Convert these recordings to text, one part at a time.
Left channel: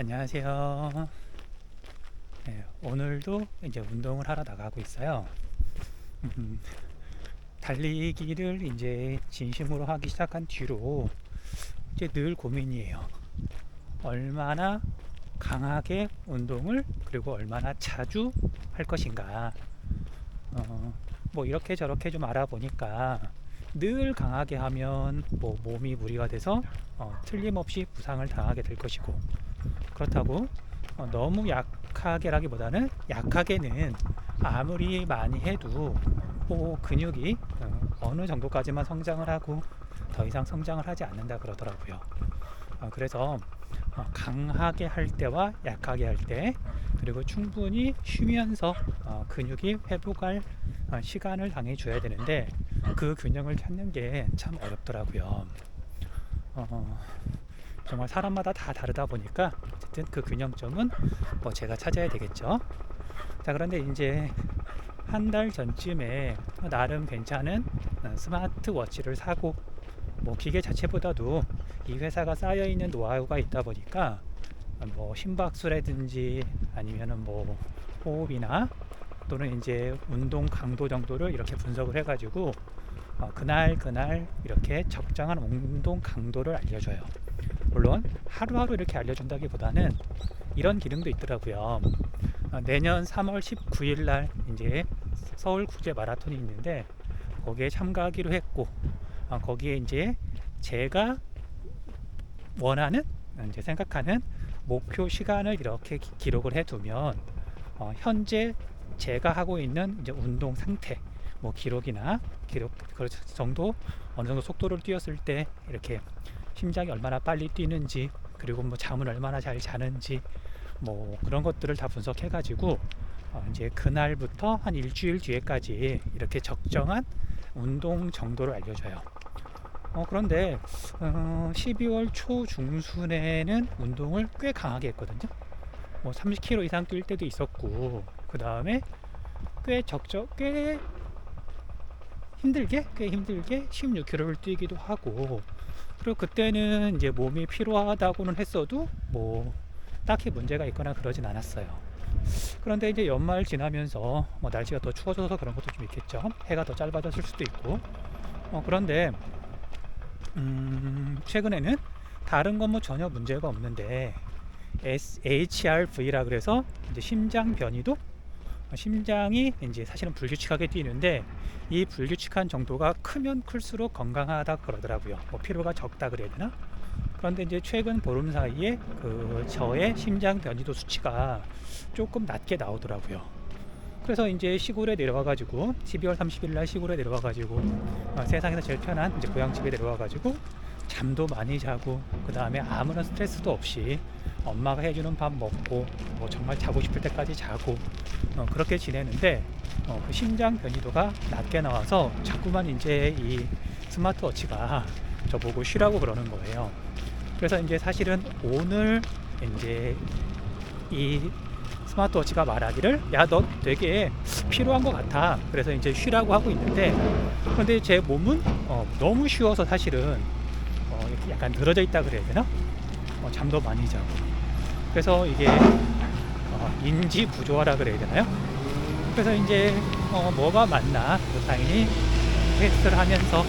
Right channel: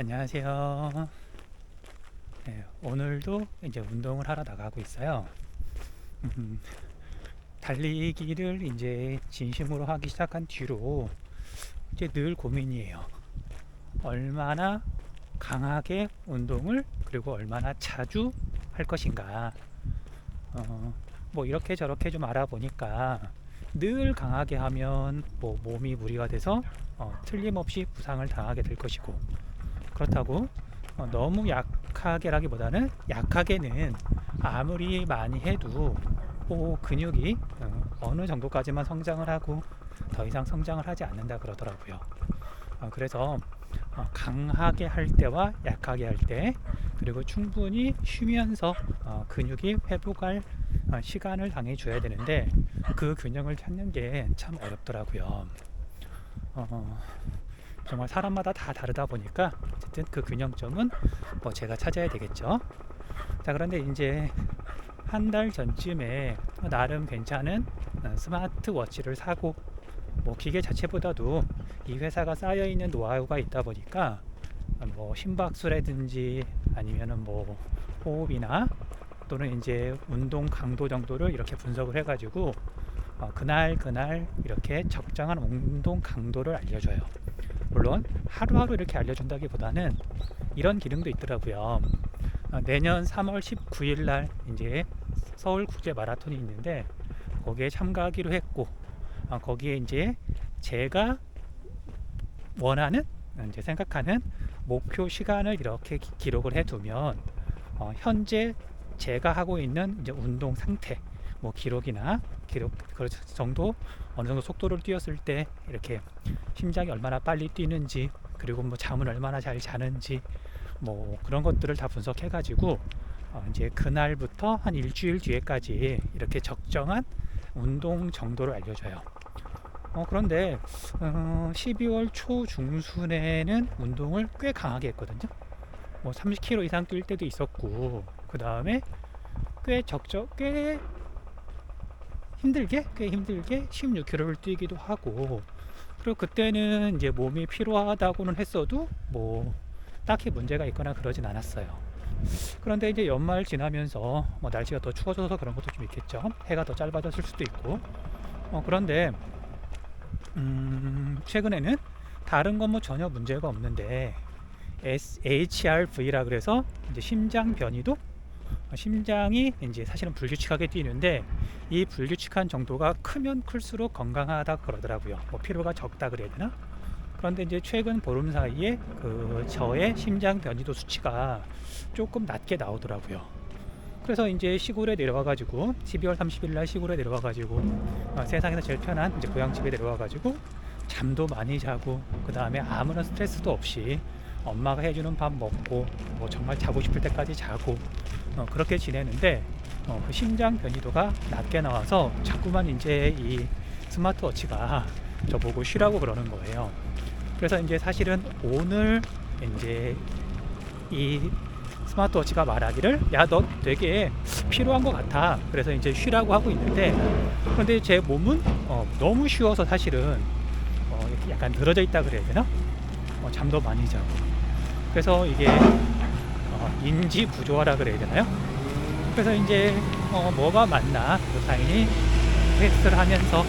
안녕하세요. 네, 오늘도 이제 운동을 하러 나가고 있어요. 음, 달리기를 이제 진심으로 하기 시작한 뒤로 이제 늘 고민이에요. 얼마나 강하게 운동을 그리고 얼마나 자주 할 것인가. 어, 뭐 이렇게 저렇게 좀 알아보니까 늘 강하게 하면 뭐 몸이 무리가 돼서 틀림없이 부상을 당하게 될 것이고, 그렇다고 너무 약하게라기보다는 약하게는 아무리 많이 해도 근육이 어느 정도까지만 성장을 하고 더 이상 성장을 하지 않는다 그러더라고요. 그래서 강하게 할 때와 약하게 할 때, 그리고 충분히 쉬면서 근육이 회복할 시간을 당연히 줘야 되는데, 그 균형을 찾는 게 참 어렵더라고요. 어, 정말 사람마다 다 다르다 보니까 어쨌든 그 균형점은 뭐 제가 찾아야 되겠죠. 자, 그런데 이제 한 달 전쯤에 나름 괜찮은 스마트워치를 사고, 뭐 기계 자체보다도 이 회사가 쌓여 있는 노하우가 있다 보니까 뭐 심박수라든지 아니면은 뭐 호흡이나 또는 이제 운동 강도 정도를 이렇게 분석을 해가지고 그날 그날 이렇게 적정한 운동 강도를 알려줘요. 물론 하루하루 이렇게 알려준다기보다는 이런 기능도 있더라고요. 내년 3월 19일 날 이제 서울 국제 마라톤이 있는데 거기에 참가하기로 했고, 거기에 이제 제가 원하는 이제 생각하는 목표 시간을 이렇게 기록을 해두면 현재 제가 하고 있는 이제 운동 상태, 뭐 기록이나 기록 그 정도, 어느 정도 속도를 뛰었을 때 이렇게 심장이 얼마나 빨리 뛰는지, 그리고 뭐 잠을 얼마나 잘 자는지, 뭐 그런 것들을 다 분석해 가지고 이제 그날부터 한 일주일 뒤에까지 이렇게 적정한 운동 정도를 알려줘요. 그런데 12월 초 중순에는 운동을 꽤 강하게 했거든요. 뭐 30km 이상 뛸 때도 있었고, 그 다음에 꽤 힘들게 16km를 뛰기도 하고, 그리고 그때는 이제 몸이 피로하다고는 했어도 뭐 딱히 문제가 있거나 그러진 않았어요. 그런데 이제 연말 지나면서 뭐 날씨가 더 추워져서 그런 것도 좀 있겠죠. 해가 더 짧아졌을 수도 있고. 그런데 최근에는 다른 건 뭐 전혀 문제가 없는데 HRV라 그래서 이제 심장 변이도, 심장이 이제 사실은 불규칙하게 뛰는데 이 불규칙한 정도가 크면 클수록 건강하다 그러더라고요. 뭐 피로가 적다 그래야 되나? 그런데 이제 최근 보름 사이에 그 저의 심장 변이도 수치가 조금 낮게 나오더라고요. 그래서 이제 시골에 내려와가지고 12월 30일 날 시골에 내려와가지고 세상에서 제일 편한 이제 고향집에 내려와가지고 잠도 많이 자고, 그 다음에 아무런 스트레스도 없이 엄마가 해주는 밥 먹고 뭐 정말 자고 싶을 때까지 자고 그렇게 지내는데, 그 심장 변이도가 낮게 나와서 자꾸만 이제 이 스마트워치가 저보고 쉬라고 그러는 거예요. 그래서 이제 사실은 오늘 이제 이 스마트워치가 말하기를 야, 너 되게 피로한 것 같아, 그래서 이제 쉬라고 하고 있는데, 그런데 제 몸은 너무 쉬워서 사실은 이렇게 약간 늘어져 있다 그래야 되나? 잠도 많이 자고, 그래서 이게 인지 부조화라 그래야 되나요? 그래서 이제 뭐가 맞나 당연히 테스트를 하면서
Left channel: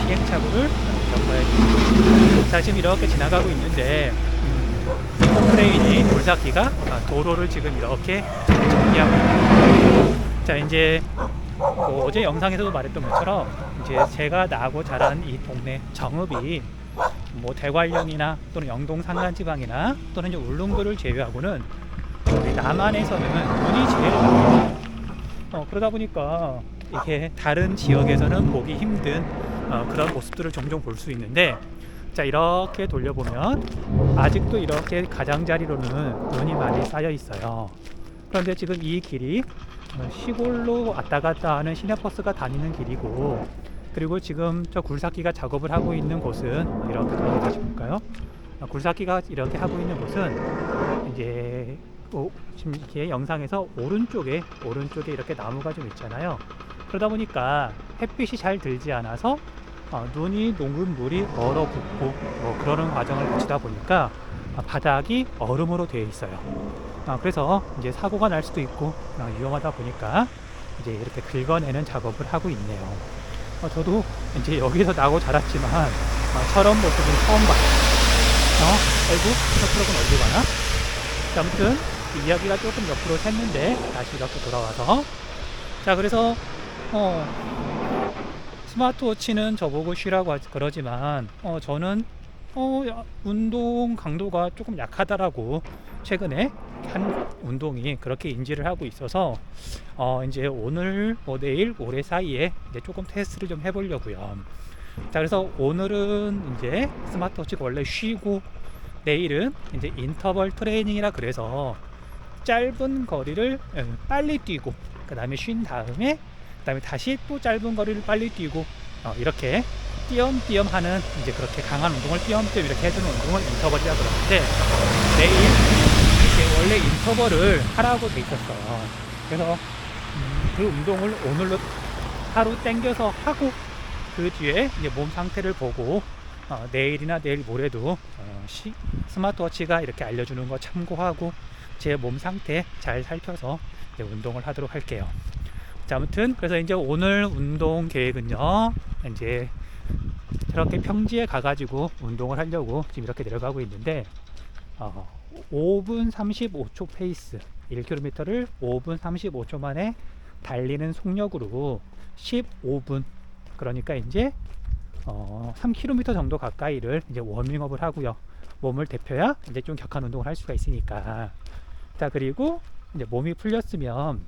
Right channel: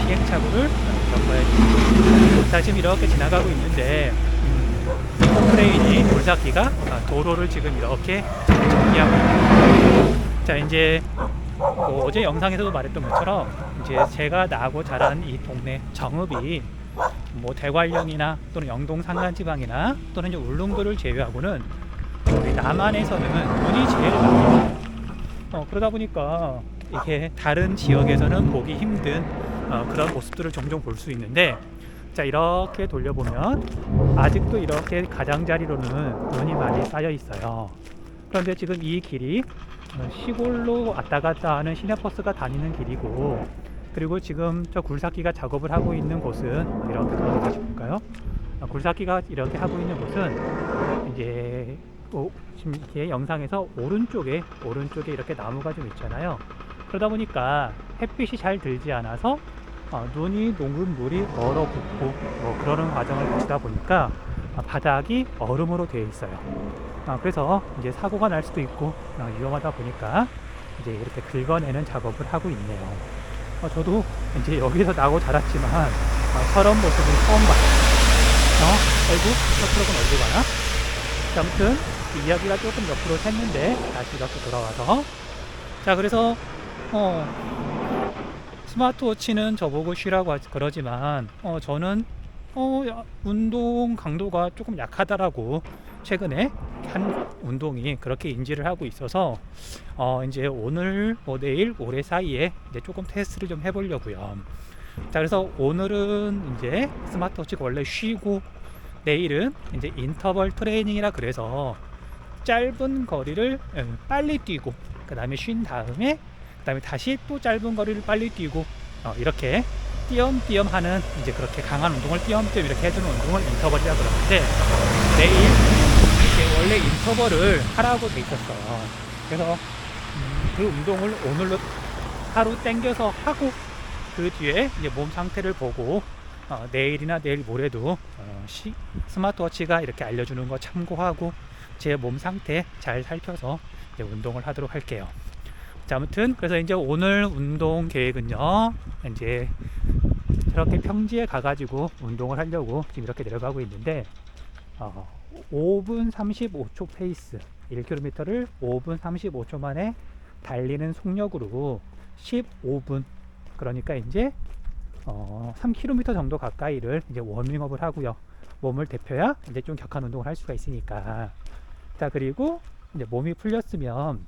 시행착오를 겪어야지. 자, 지금 이렇게 지나가고 있는데 크레인이 돌삭기가 도로를 지금 이렇게 정리하고 있습니다. 자, 이제 어제 영상에서도 말했던 것처럼 이제 제가 나고 자란 이 동네 정읍이 뭐 대관령이나 또는 영동 산간지방이나 또는 이제 울릉도를 제외하고는 우리 남한에서는 눈이 제일 많아요. 그러다 보니까 이게 다른 지역에서는 보기 힘든 그런 모습들을 종종 볼 수 있는데, 자, 이렇게 돌려보면 아직도 이렇게 가장자리로는 눈이 많이 쌓여 있어요. 그런데 지금 이 길이 시골로 왔다 갔다 하는 시내버스가 다니는 길이고, 그리고 지금 저 굴삭기가 작업을 하고 있는 곳은 이렇게 돌아다시 볼까요? 굴삭기가 이렇게 하고 있는 곳은 이제 지금 이렇게 영상에서 오른쪽에 이렇게 나무가 좀 있잖아요. 그러다 보니까 햇빛이 잘 들지 않아서 눈이 녹은 물이 얼어붙고 그러는 과정을 거치다 보니까 바닥이 얼음으로 되어 있어요. 그래서 이제 사고가 날 수도 있고 위험하다 보니까 이제 이렇게 긁어내는 작업을 하고 있네요. 저도 이제 여기서 나고 자랐지만 저런 모습은 처음 봐요. 아이고, 저 트럭은 어디 가나? 자, 아무튼 이야기가 조금 옆으로 샜는데 다시 이렇게 돌아와서, 자, 그래서 스마트워치는 저보고 쉬라고 그러지만 저는 운동 강도가 조금 약하다라고 최근에 한 운동이 그렇게 인지를 하고 있어서 이제 오늘 내일 모레 사이에 이제 조금 테스트를 좀 해보려고요. 자, 그래서 오늘은 이제 스마트워치가 원래 쉬고 내일은 이제 인터벌 트레이닝이라 그래서 짧은 거리를 빨리 뛰고 그 다음에 쉰 다음에 그 다음에 다시 또 짧은 거리를 빨리 뛰고 이렇게 띄엄띄엄 하는 이제 그렇게 강한 운동을 띄엄띄엄 이렇게 해주는 운동을 인터벌이라 그러는데, 내일 이렇게 원래 인터벌을 하라고 돼 있었어요. 그래서 그 운동을 오늘로 하루 땡겨서 하고 그 뒤에 이제 몸 상태를 보고 내일이나 내일 모레도 스마트워치가 이렇게 알려주는 거 참고하고 제 몸 상태 잘 살펴서 이제 운동을 하도록 할게요. 자, 아무튼 그래서 이제 오늘 운동 계획은요, 이제 이렇게 평지에 가가지고 운동을 하려고 지금 이렇게 내려가고 있는데 5분 35초 페이스 1km를 5분 35초 만에 달리는 속력으로 15분, 그러니까 이제 3km 정도 가까이를 이제 워밍업을 하고요. 몸을 데펴야 이제 좀 격한 운동을 할 수가 있으니까. 자, 그리고 이제 몸이 풀렸으면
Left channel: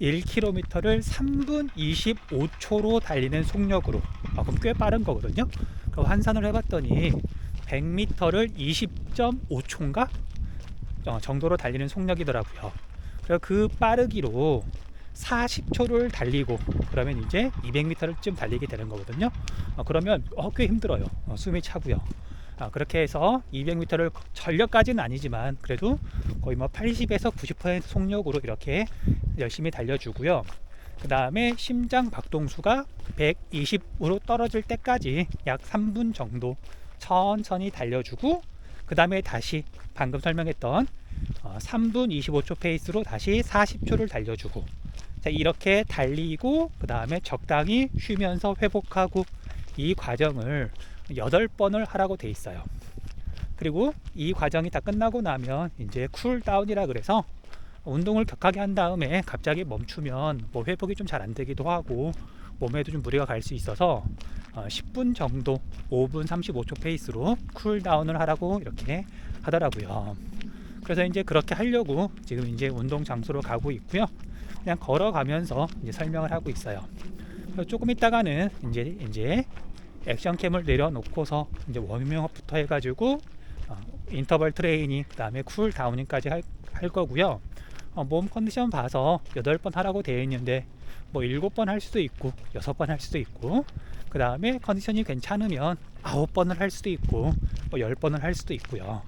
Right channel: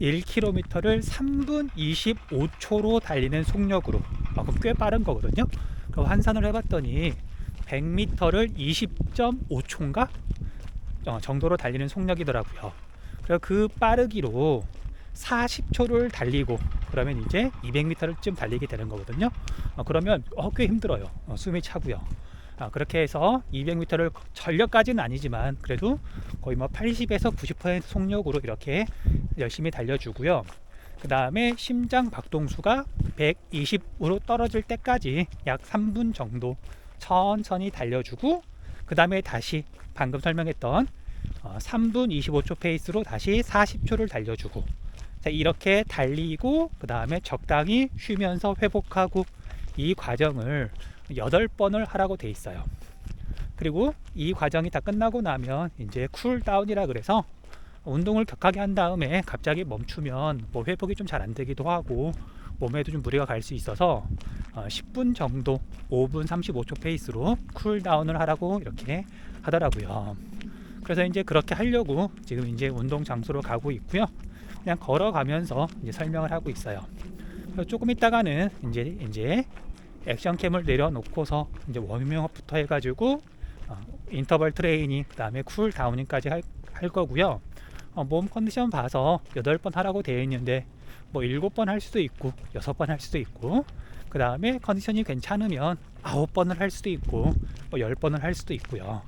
1km를 3분 25초로 달리는 속력으로, 그럼 꽤 빠른 거거든요. 그럼 환산을 해봤더니 100m를 20.5초인가 정도로 달리는 속력이더라고요. 그래서 그 빠르기로 40초를 달리고 그러면 이제 200m를 쯤 달리게 되는 거거든요. 그러면 꽤 힘들어요. 숨이 차고요. 그렇게 해서 200m를 전력까지는 아니지만 그래도 거의 80에서 90% 속력으로 이렇게 열심히 달려주고요. 그 다음에 심장 박동수가 120으로 떨어질 때까지 약 3분 정도 천천히 달려주고, 그 다음에 다시 방금 설명했던 3분 25초 페이스로 다시 40초를 달려주고, 자, 이렇게 달리고 그 다음에 적당히 쉬면서 회복하고, 이 과정을 8번을 하라고 돼 있어요. 그리고 이 과정이 다 끝나고 나면 이제 쿨다운이라 그래서 운동을 격하게 한 다음에 갑자기 멈추면 회복이 좀 잘 안 되기도 하고 몸에도 좀 무리가 갈 수 있어서 10분 정도 5분 35초 페이스로 쿨다운을 하라고 이렇게 하더라고요. 그래서 이제 그렇게 하려고 지금 이제 운동 장소로 가고 있고요. 그냥 걸어가면서 이제 설명을 하고 있어요. 조금 있다가는 이제 액션캠을 내려놓고서 이제 워밍업부터 해가지고 인터벌 트레이닝, 그 다음에 쿨 다우닝까지 할 거고요. 몸 컨디션 봐서 8번 하라고 되어 있는데 7번 할 수도 있고 6번 할 수도 있고, 그 다음에 컨디션이 괜찮으면 9번을 할 수도 있고 10번을 할 수도 있고요.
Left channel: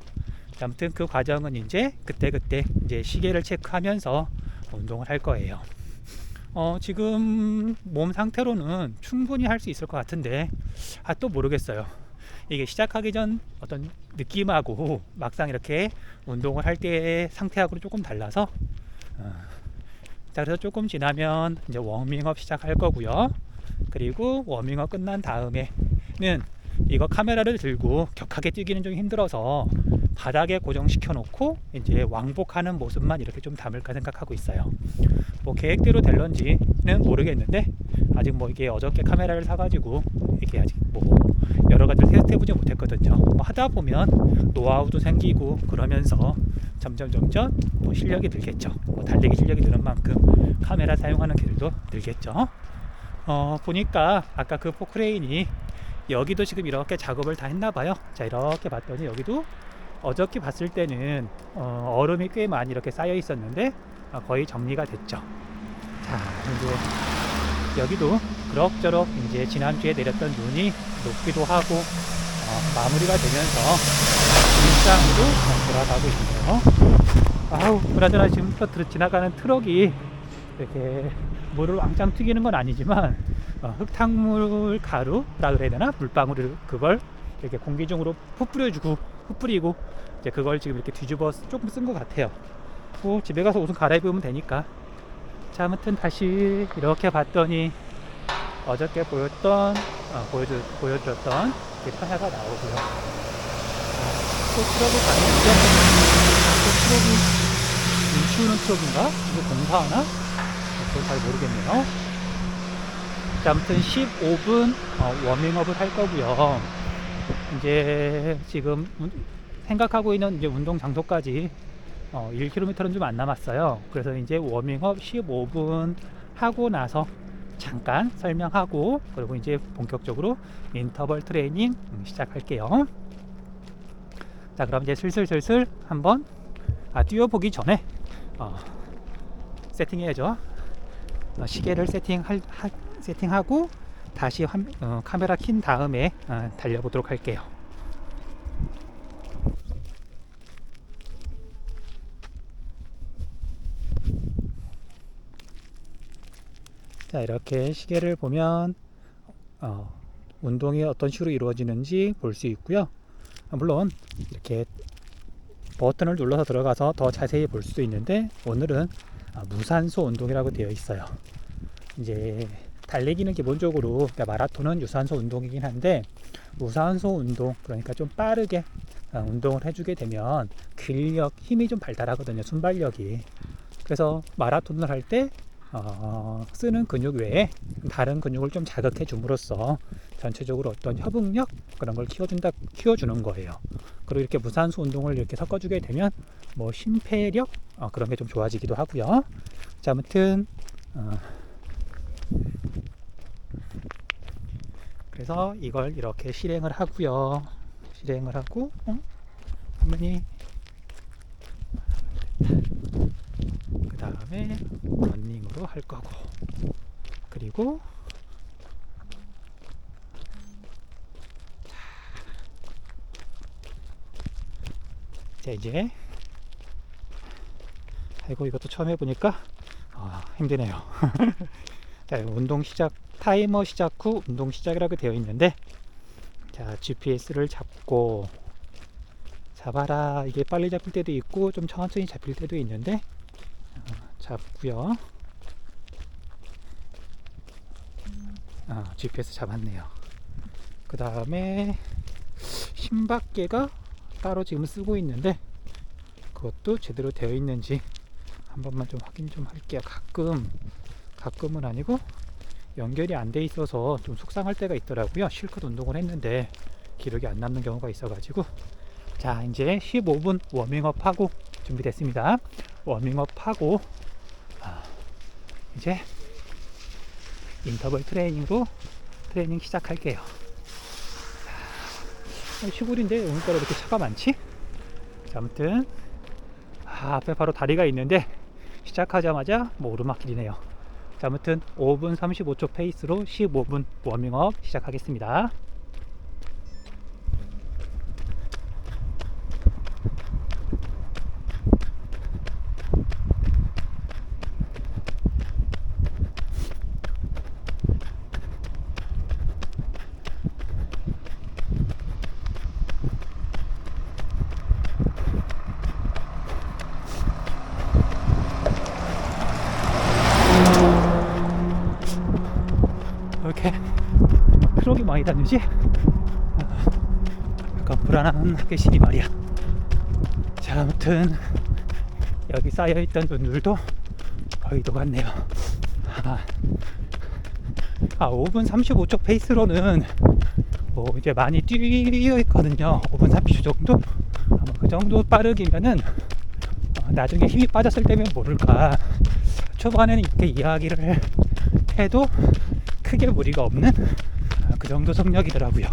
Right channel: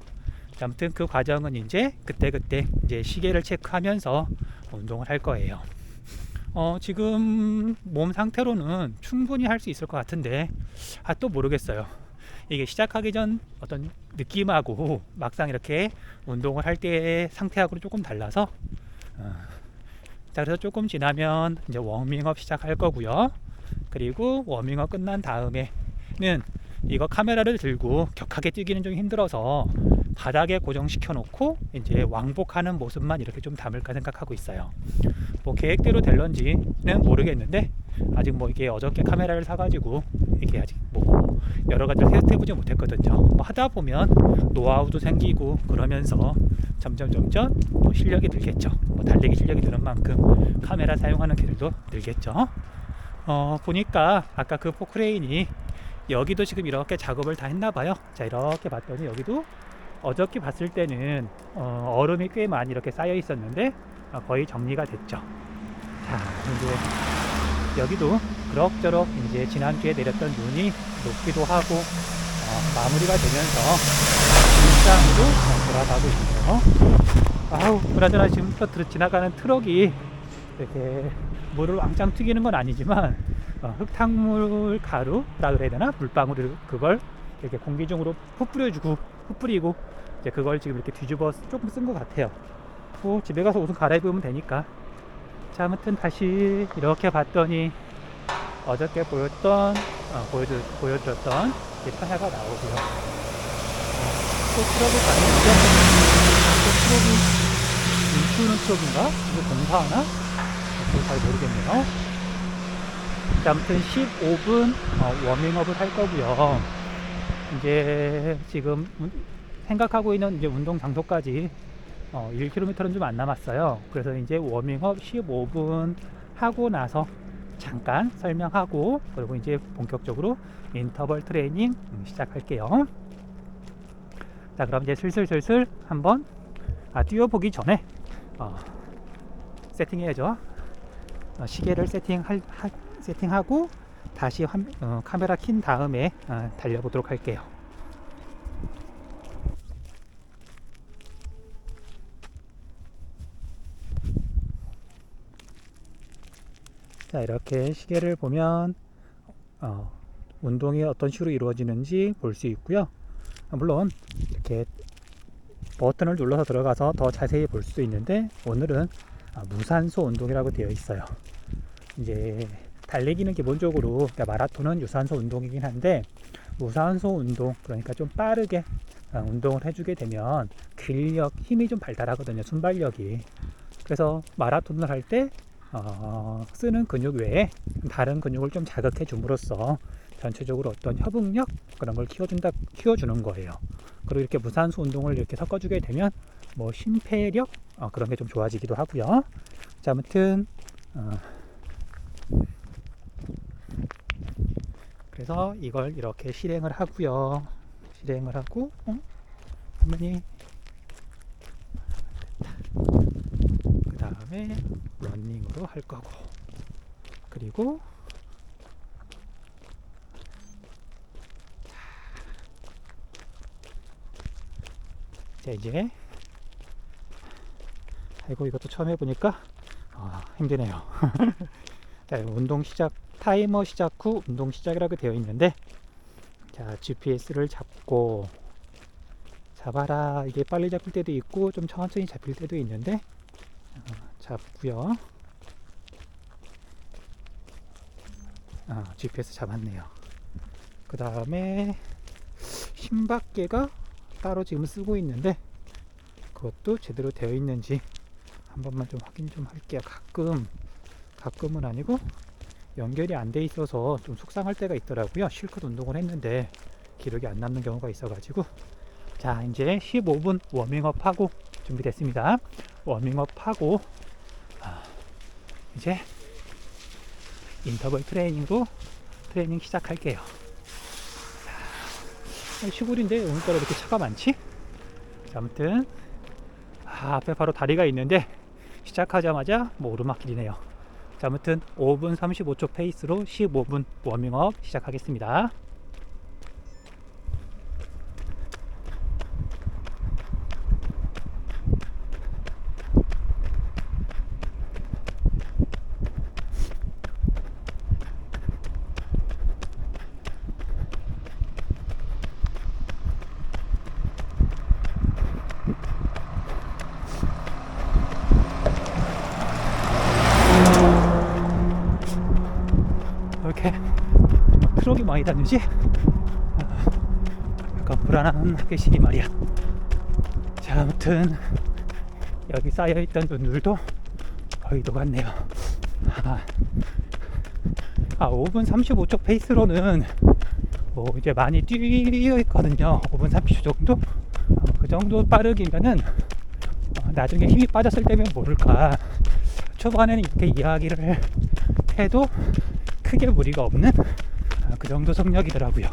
아무튼 그 과정은 이제 그때그때 이제 시계를 체크하면서 운동을 할 거예요. 지금 몸 상태로는 충분히 할 수 있을 것 같은데 또 모르겠어요. 이게 시작하기 전 어떤 느낌하고 막상 이렇게 운동을 할 때의 상태하고는 조금 달라서 자, 그래서 조금 지나면 이제 워밍업 시작할 거고요. 그리고 워밍업 끝난 다음에는 이거 카메라를 들고 격하게 뛰기는 좀 힘들어서 바닥에 고정시켜 놓고 이제 왕복하는 모습만 이렇게 좀 담을까 생각하고 있어요. 계획대로 될런지는 모르겠는데 아직 이게 어저께 카메라를 사가지고 이게 아직 여러 가지를 테스트해보지 못했거든요. 하다 보면 노하우도 생기고 그러면서 점점 실력이 늘겠죠. 달리기 실력이 느는 만큼 카메라 사용하는 기술도 늘겠죠. 보니까 아까 그 포크레인이 여기도 지금 이렇게 작업을 다 했나봐요. 자, 이렇게 봤더니 여기도 어저께 봤을 때는 얼음이 꽤 많이 이렇게 쌓여 있었는데 거의 정리가 됐죠. 자, 이제 여기도 그럭저럭 이제 지난주에 내렸던 눈이 녹기도 하고 마무리가 되면서 일상으로 돌아가고 있네요. 그나저나 지금 지나가는 트럭이 이렇게 물을 왕창 튀기는 건 아니지만 흙탕물 가루라 그래야 되나, 물방울을 그걸 이렇게 공기 중으로 흩뿌리고 이제 그걸 지금 이렇게 뒤집어 조금 쓴 것 같아요. 뭐 집에 가서 옷은 갈아입으면 되니까. 자, 아무튼 다시 이렇게 봤더니 어저께 보여드렸던 타야가 나오고요. 또 트럭을 봤는데, 또 트럭이 멈추는 트럭인가? 이거 공사하나? 그걸 잘 모르겠네요. 자, 아무튼 15분 워밍업을 할 거고요. 이제 지금 생각하고 있는 이제 운동 장소까지 1km는 좀 안 남았어요. 그래서 이제 워밍업 15분 하고 나서 잠깐 설명하고, 그리고 이제 본격적으로 인터벌 트레이닝 시작할게요. 자, 그럼 이제 슬슬 한번 뛰어보기 전에 세팅해야죠. 시계를 세팅하고 다시 카메라 킨 다음에 달려보도록 할게요. 자, 이렇게 시계를 보면 운동이 어떤 식으로 이루어지는지 볼 수 있고요. 물론 이렇게 버튼을 눌러서 들어가서 더 자세히 볼 수도 있는데, 오늘은 무산소 운동이라고 되어 있어요. 이제 달리기는 기본적으로, 그러니까 마라톤은 유산소 운동이긴 한데, 무산소 운동, 그러니까 좀 빠르게 운동을 해주게 되면 근력, 힘이 좀 발달하거든요. 순발력이. 그래서 마라톤을 할 때 쓰는 근육 외에 다른 근육을 좀 자극해 줌으로써 전체적으로 어떤 협응력, 그런 걸 키워주는 거예요. 그리고 이렇게 무산소 운동을 이렇게 섞어주게 되면 뭐 심폐력, 그런 게 좀 좋아지기도 하고요. 자, 아무튼 그래서 이걸 이렇게 실행을 하고요. 실행을 하고 화면이 그 다음에 러닝으로 할 거고, 그리고 자, 이제 아이고, 이것도 처음 해보니까 힘드네요. 자, 운동 시작, 타이머 시작 후 운동 시작이라고 되어 있는데, 자, GPS를 잡아라. 이게 빨리 잡힐 때도 있고 좀 천천히 잡힐 때도 있는데, 잡고요. GPS 잡았네요. 그 다음에 심박계가 따로 지금 쓰고 있는데, 그것도 제대로 되어 있는지 한 번만 좀 확인 좀 할게요. 가끔은 아니고 연결이 안 돼 있어서 좀 속상할 때가 있더라고요. 실컷 운동을 했는데 기록이 안 남는 경우가 있어 가지고. 자, 이제 15분 워밍업 하고 준비됐습니다. 워밍업 하고 이제 인터벌 트레이닝 시작할게요. 시골인데 오늘따라 이렇게 차가 많지? 자, 아무튼 앞에 바로 다리가 있는데 시작하자마자 뭐 오르막길이네요. 자, 아무튼 5분 35초 페이스로 15분 워밍업 시작하겠습니다. 이렇게 트럭이 많이 다니지? 약간 불안한 햇빛이 말이야. 자, 아무튼 여기 쌓여있던 분들도 거의 녹았네요. 5분 35초 페이스로는 뭐 이제 많이 뛰어있거든요. 5분 30초 정도? 그 정도 빠르기면은 나중에 힘이 빠졌을 때면 모를까. 초반에는 이렇게 이야기를 해도 크게 무리가 없는 그 정도 속력이더라고요.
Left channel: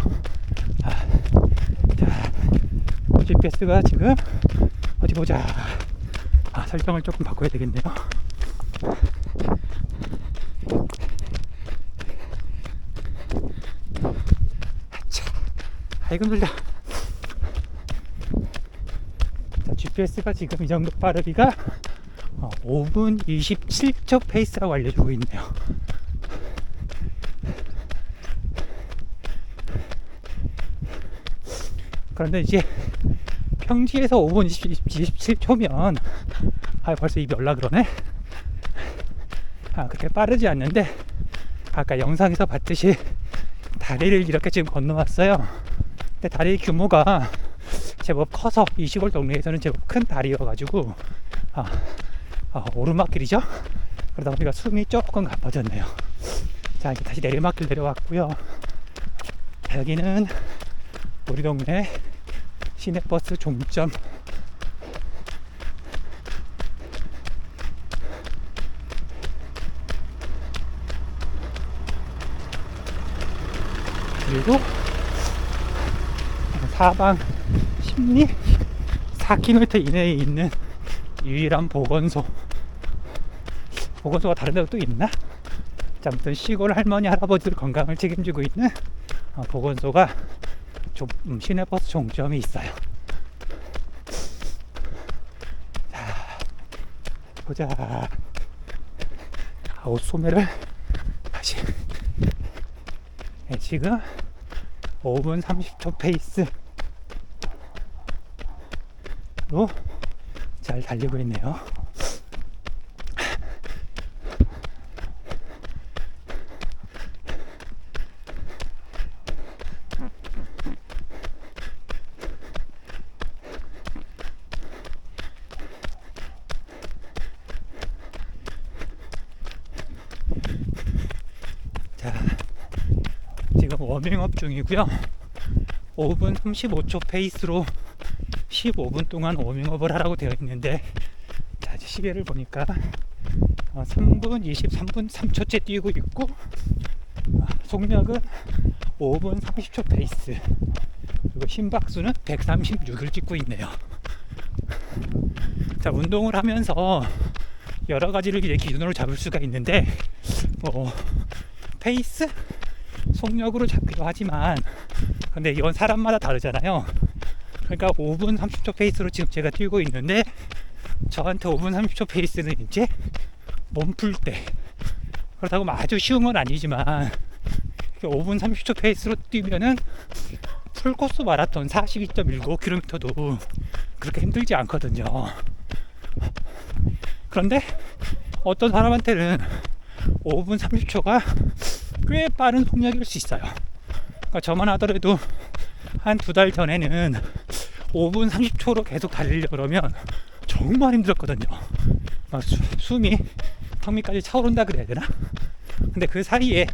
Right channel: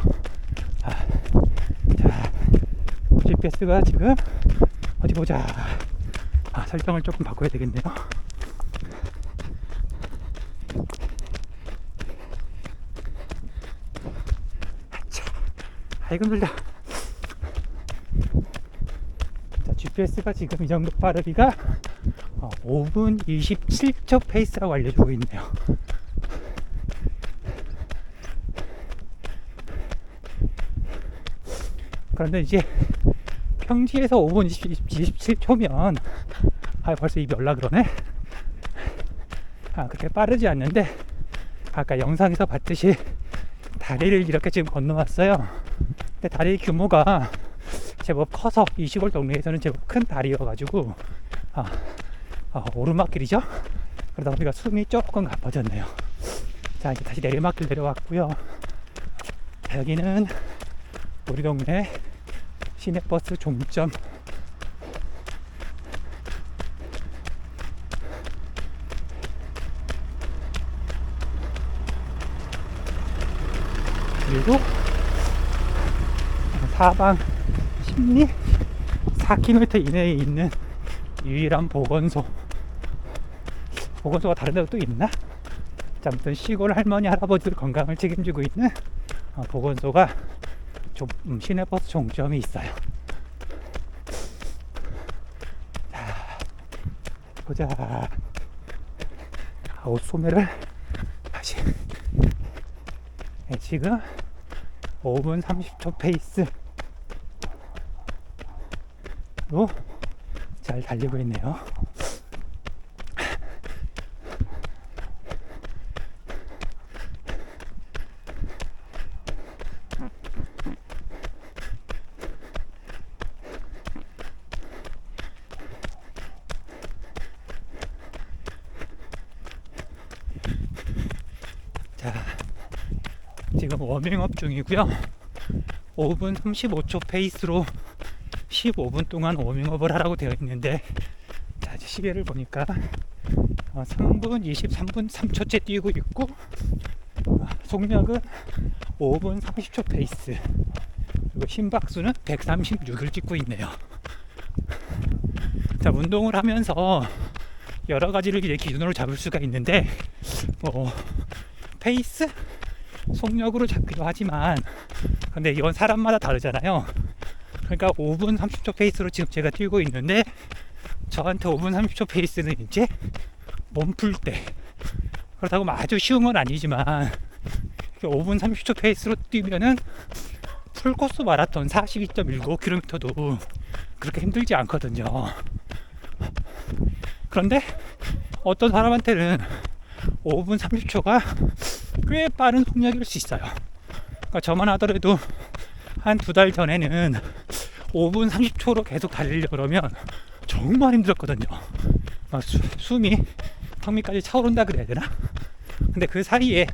자, GPS가 지금 어디 보자. 설정을 조금 바꿔야 되겠네요. 아이고 힘들다. 자, GPS가 지금 이 정도 빠르기가 5분 27초 페이스라고 알려주고 있네요. 그런데 이제 평지에서 5분 27초면 벌써 입이 열라 그러네. 그렇게 빠르지 않는데 아까 영상에서 봤듯이 다리를 이렇게 지금 건너왔어요. 근데 다리 규모가 제법 커서 이 시골 동네에서는 제법 큰 다리여가지고 오르막길이죠. 그러다 보니까 숨이 조금 가빠졌네요. 자, 이제 다시 내리막길 내려왔고요. 여기는 우리 동네 시내버스 종점. 그리고 사방 심리 4km 이내에 있는 유일한 보건소가 다른 데도 또 있나? 아무튼 시골 할머니 할아버지들 건강을 책임지고 있는 보건소가 시내버스 종점이 있어요. 자, 보자. 옷 소매를 다시. 지금 5분 30초 페이스로 잘 달리고 있네요. 자, 지금 워밍업 중이고요. 5분 35초 페이스로 15분 동안 워밍업을 하라고 되어 있는데, 자, 이제 시계를 보니까 3분 23분 3초째 뛰고 있고, 속력은 5분 30초 페이스, 그리고 심박수는 136을 찍고 있네요. 자, 운동을 하면서 여러 가지를 이제 기준으로 잡을 수가 있는데, 페이스, 속력으로 잡기도 하지만, 근데 이건 사람마다 다르잖아요. 그러니까 5분 30초 페이스로 지금 제가 뛰고 있는데, 저한테 5분 30초 페이스는 이제 몸 풀 때, 그렇다고 아주 쉬운 건 아니지만 5분 30초 페이스로 뛰면은 풀코스 마라톤 42.19km도 그렇게 힘들지 않거든요. 그런데 어떤 사람한테는 5분 30초가 꽤 빠른 속력일 수 있어요. 그러니까 저만 하더라도 한 2달 전에는 5분 30초로 계속 달리려고 그러면 정말 힘들었거든요. 숨이 턱 밑까지 차오른다 그래야 되나? 근데 그 사이에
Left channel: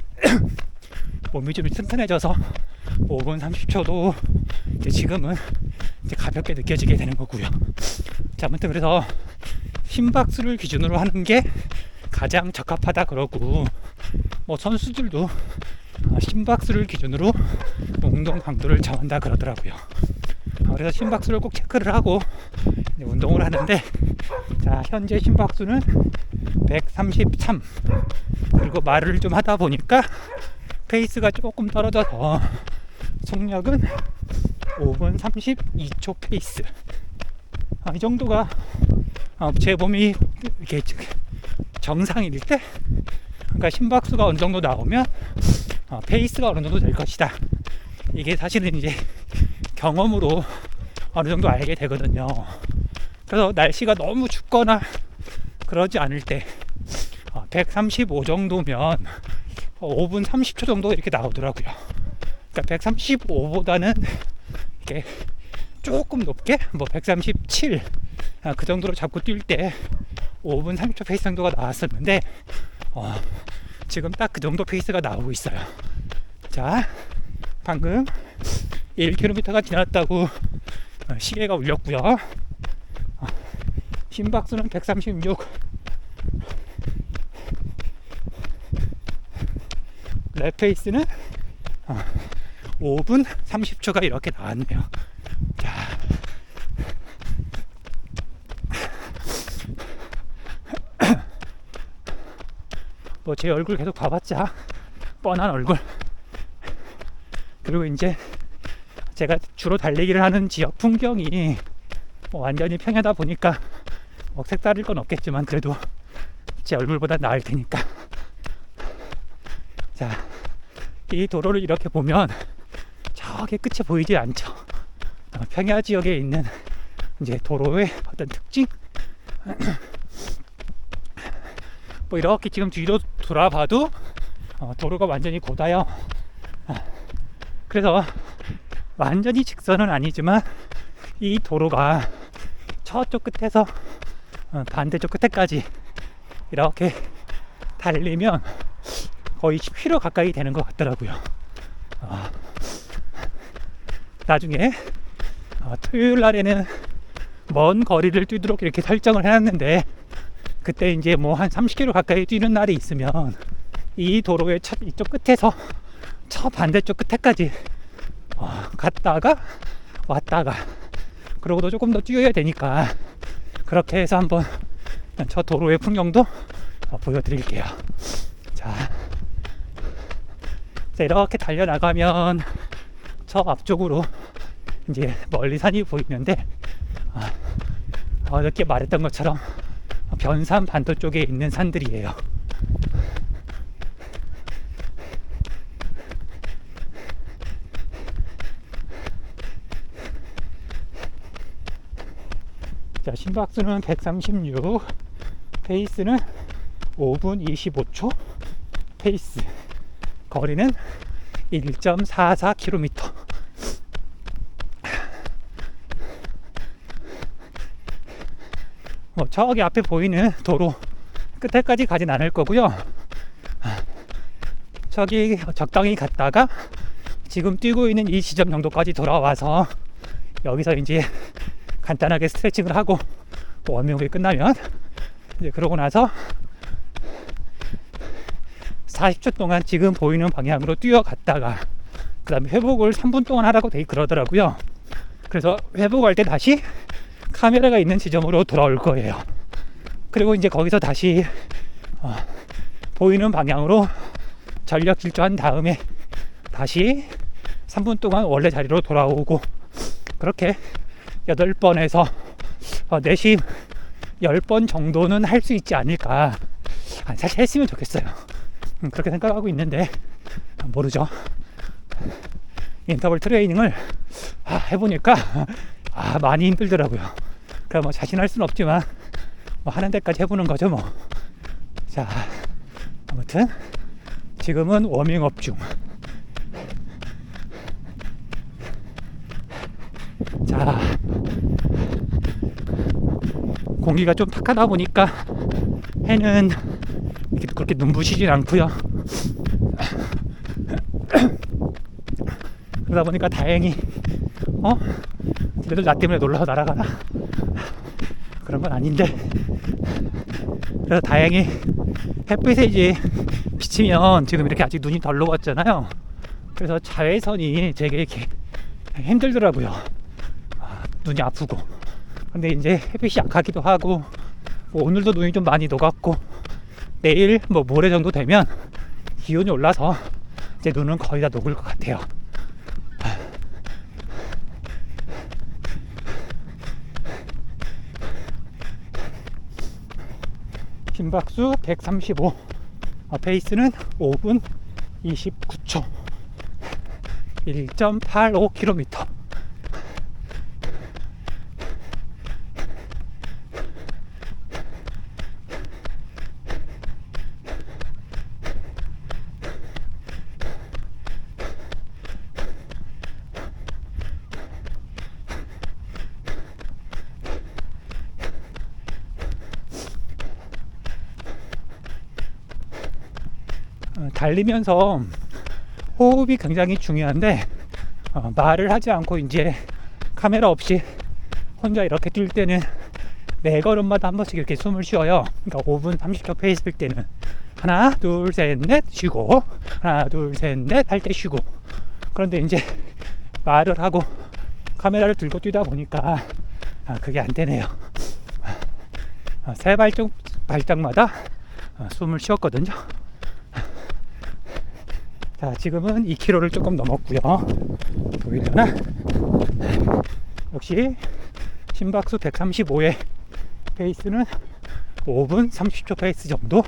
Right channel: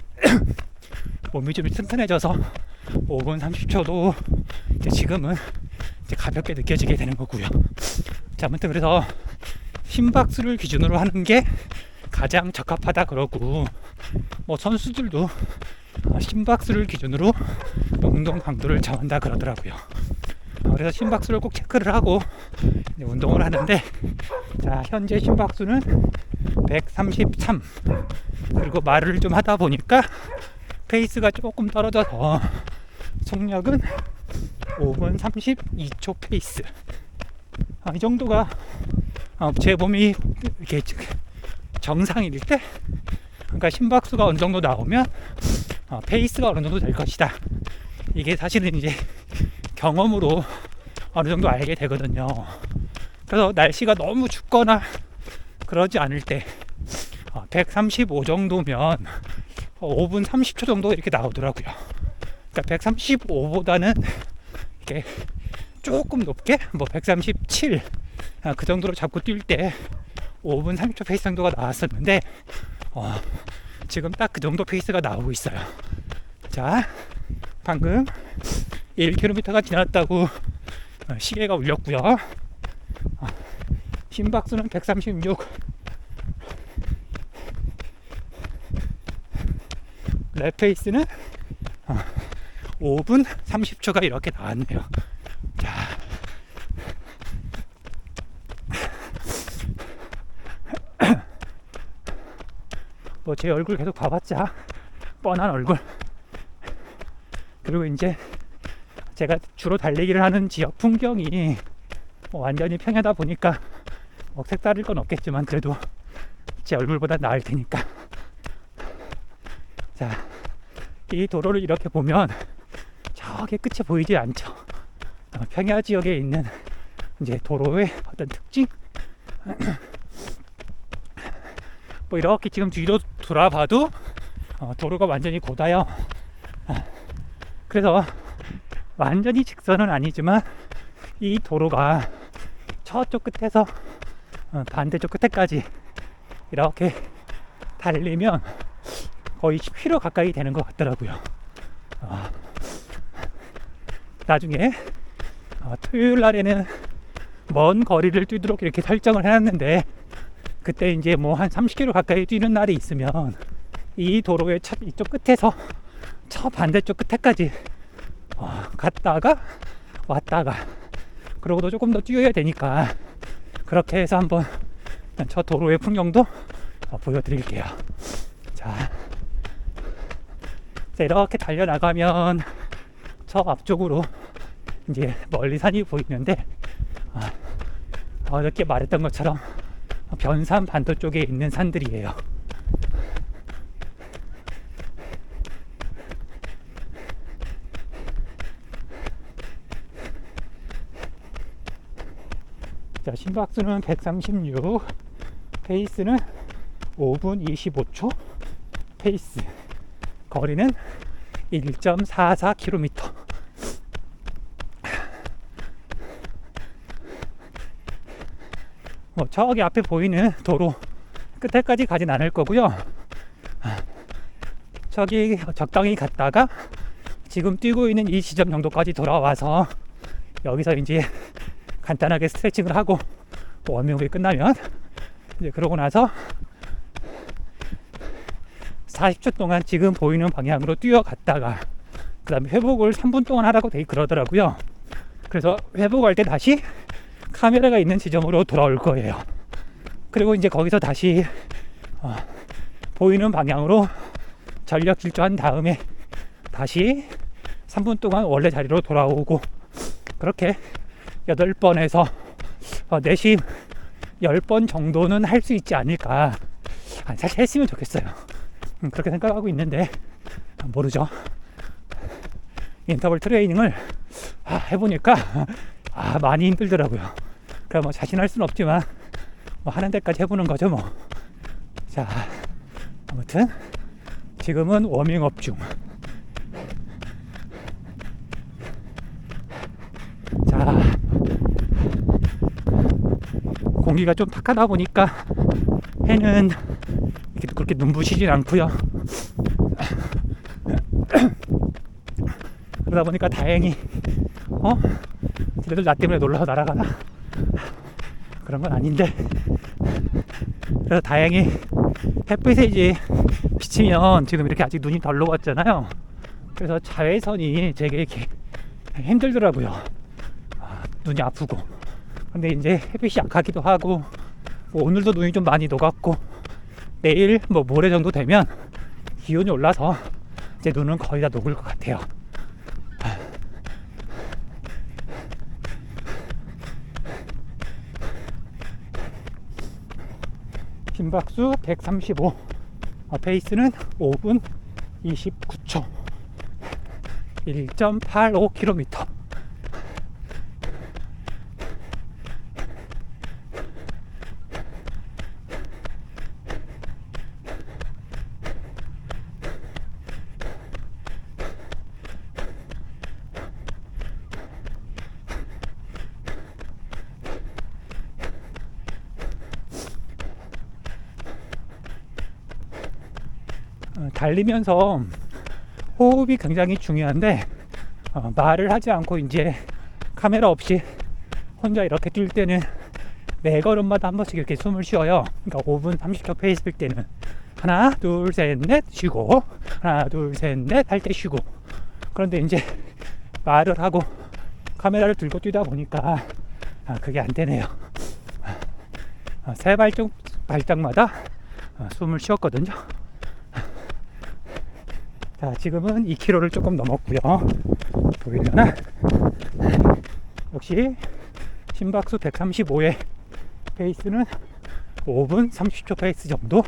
몸이 좀 튼튼해져서 5분 30초도 이제 지금은 이제 가볍게 느껴지게 되는 거고요. 자, 아무튼 그래서 심박수를 기준으로 하는 게 가장 적합하다 그러고, 선수들도 심박수를 기준으로 운동 강도를 정한다 그러더라고요. 그래서 심박수를 꼭 체크를 하고 운동을 하는데, 자, 현재 심박수는 133. 그리고 말을 좀 하다 보니까 페이스가 조금 떨어져서 속력은 5분 32초 페이스. 이 정도가 제 몸이 이렇게 정상일 때, 그러니까 심박수가 어느 정도 나오면 페이스가 어느 정도 될 것이다. 이게 사실은 이제 경험으로 어느 정도 알게 되거든요. 그래서 날씨가 너무 춥거나 그러지 않을 때 135 정도면 5분 30초 정도 이렇게 나오더라고요. 그러니까 135보다는 이렇게 조금 높게 137 그 정도로 잡고 뛸 때 5분 30초 페이스 정도가 나왔었는데, 지금 딱 그 정도 페이스가 나오고 있어요. 자, 방금 1km가 지났다고 시계가 울렸고요. 심박수는 136. 랩 페이스는 5분 30초가 이렇게 나왔네요. 자, 제 얼굴 계속 봐봤자 뻔한 얼굴. 그리고 이제 제가 주로 달리기를 하는 지역 풍경이 완전히 평야다 보니까 색다를 건 없겠지만 그래도 제 얼굴보다 나을 테니까. 자, 이 도로를 이렇게 보면 저기 끝이 보이지 않죠. 평야 지역에 있는 이제 도로의 어떤 특징, 뭐 이렇게 지금 뒤로 돌아봐도 도로가 완전히 고다요. 그래서 완전히 직선은 아니지만 이 도로가 저쪽 끝에서 반대쪽 끝에까지 이렇게 달리면 거의 10km 가까이 되는 것 같더라고요. 나중에 토요일 날에는 먼 거리를 뛰도록 이렇게 설정을 해놨는데, 그때 이제 뭐 한 30km 가까이 뛰는 날이 있으면 이 도로의 이쪽 끝에서 저 반대쪽 끝에까지 갔다가 왔다가, 그러고도 조금 더 뛰어야 되니까 그렇게 해서 한번 저 도로의 풍경도 보여드릴게요. 자, 이렇게 달려나가면 저 앞쪽으로 이제 멀리 산이 보이는데, 어저께 말했던 것처럼 변산 반도 쪽에 있는 산들이에요. 자, 심박수는 136, 페이스는 5분 25초, 페이스, 거리는 1.44km. 저기 앞에 보이는 도로 끝에까지 가진 않을 거고요. 저기 적당히 갔다가 지금 뛰고 있는 이 지점 정도까지 돌아와서 여기서 이제 간단하게 스트레칭을 하고 워밍업이 끝나면 이제 그러고 나서 40초 동안 지금 보이는 방향으로 뛰어갔다가 그 다음에 회복을 3분 동안 하라고 그러더라고요. 그래서 회복할 때 다시 카메라가 있는 지점으로 돌아올 거예요. 그리고 이제 거기서 다시 보이는 방향으로 전력 질주한 다음에 다시 3분 동안 원래 자리로 돌아오고, 그렇게 8번에서 내심 10번 정도는 할 수 있지 않을까. 사실 했으면 좋겠어요. 그렇게 생각하고 있는데 모르죠. 인터벌 트레이닝을 해보니까 많이 힘들더라고요. 그럼 뭐 자신할 수는 없지만 뭐 하는 데까지 해보는 거죠 뭐. 자, 아무튼 지금은 워밍업 중. 자, 공기가 좀 탁하다 보니까 해는 그렇게 눈부시진 않고요. 그러다 보니까 다행히 얘들 나 때문에 놀라서 날아가나? 그런 건 아닌데, 그래서 다행히 햇빛에 이제 비치면 지금 이렇게 아직 눈이 덜 녹았잖아요. 그래서 자외선이 되게 이렇게 힘들더라고요. 눈이 아프고. 근데 이제 햇빛이 약하기도 하고, 뭐 오늘도 눈이 좀 많이 녹았고, 내일 뭐 모레 정도 되면 기온이 올라서 이제 눈은 거의 다 녹을 것 같아요. 심박수 135, 페이스는 5분 29초, 1.85km. 달리면서 호흡이 굉장히 중요한데, 말을 하지 않고 이제 카메라 없이 혼자 이렇게 뛸 때는 매 걸음마다 한 번씩 이렇게 숨을 쉬어요. 그러니까 5분 30초 페이스일 때는 하나 둘 셋 넷 쉬고, 하나 둘 셋 넷 할 때 쉬고. 그런데 이제 말을 하고 카메라를 들고 뛰다 보니까 그게 안 되네요. 세 발짝마다 숨을 쉬었거든요. 자, 지금은 2km를 조금 넘었고요. 보이려나? 역시 심박수 135에 페이스는 5분 30초 페이스 정도.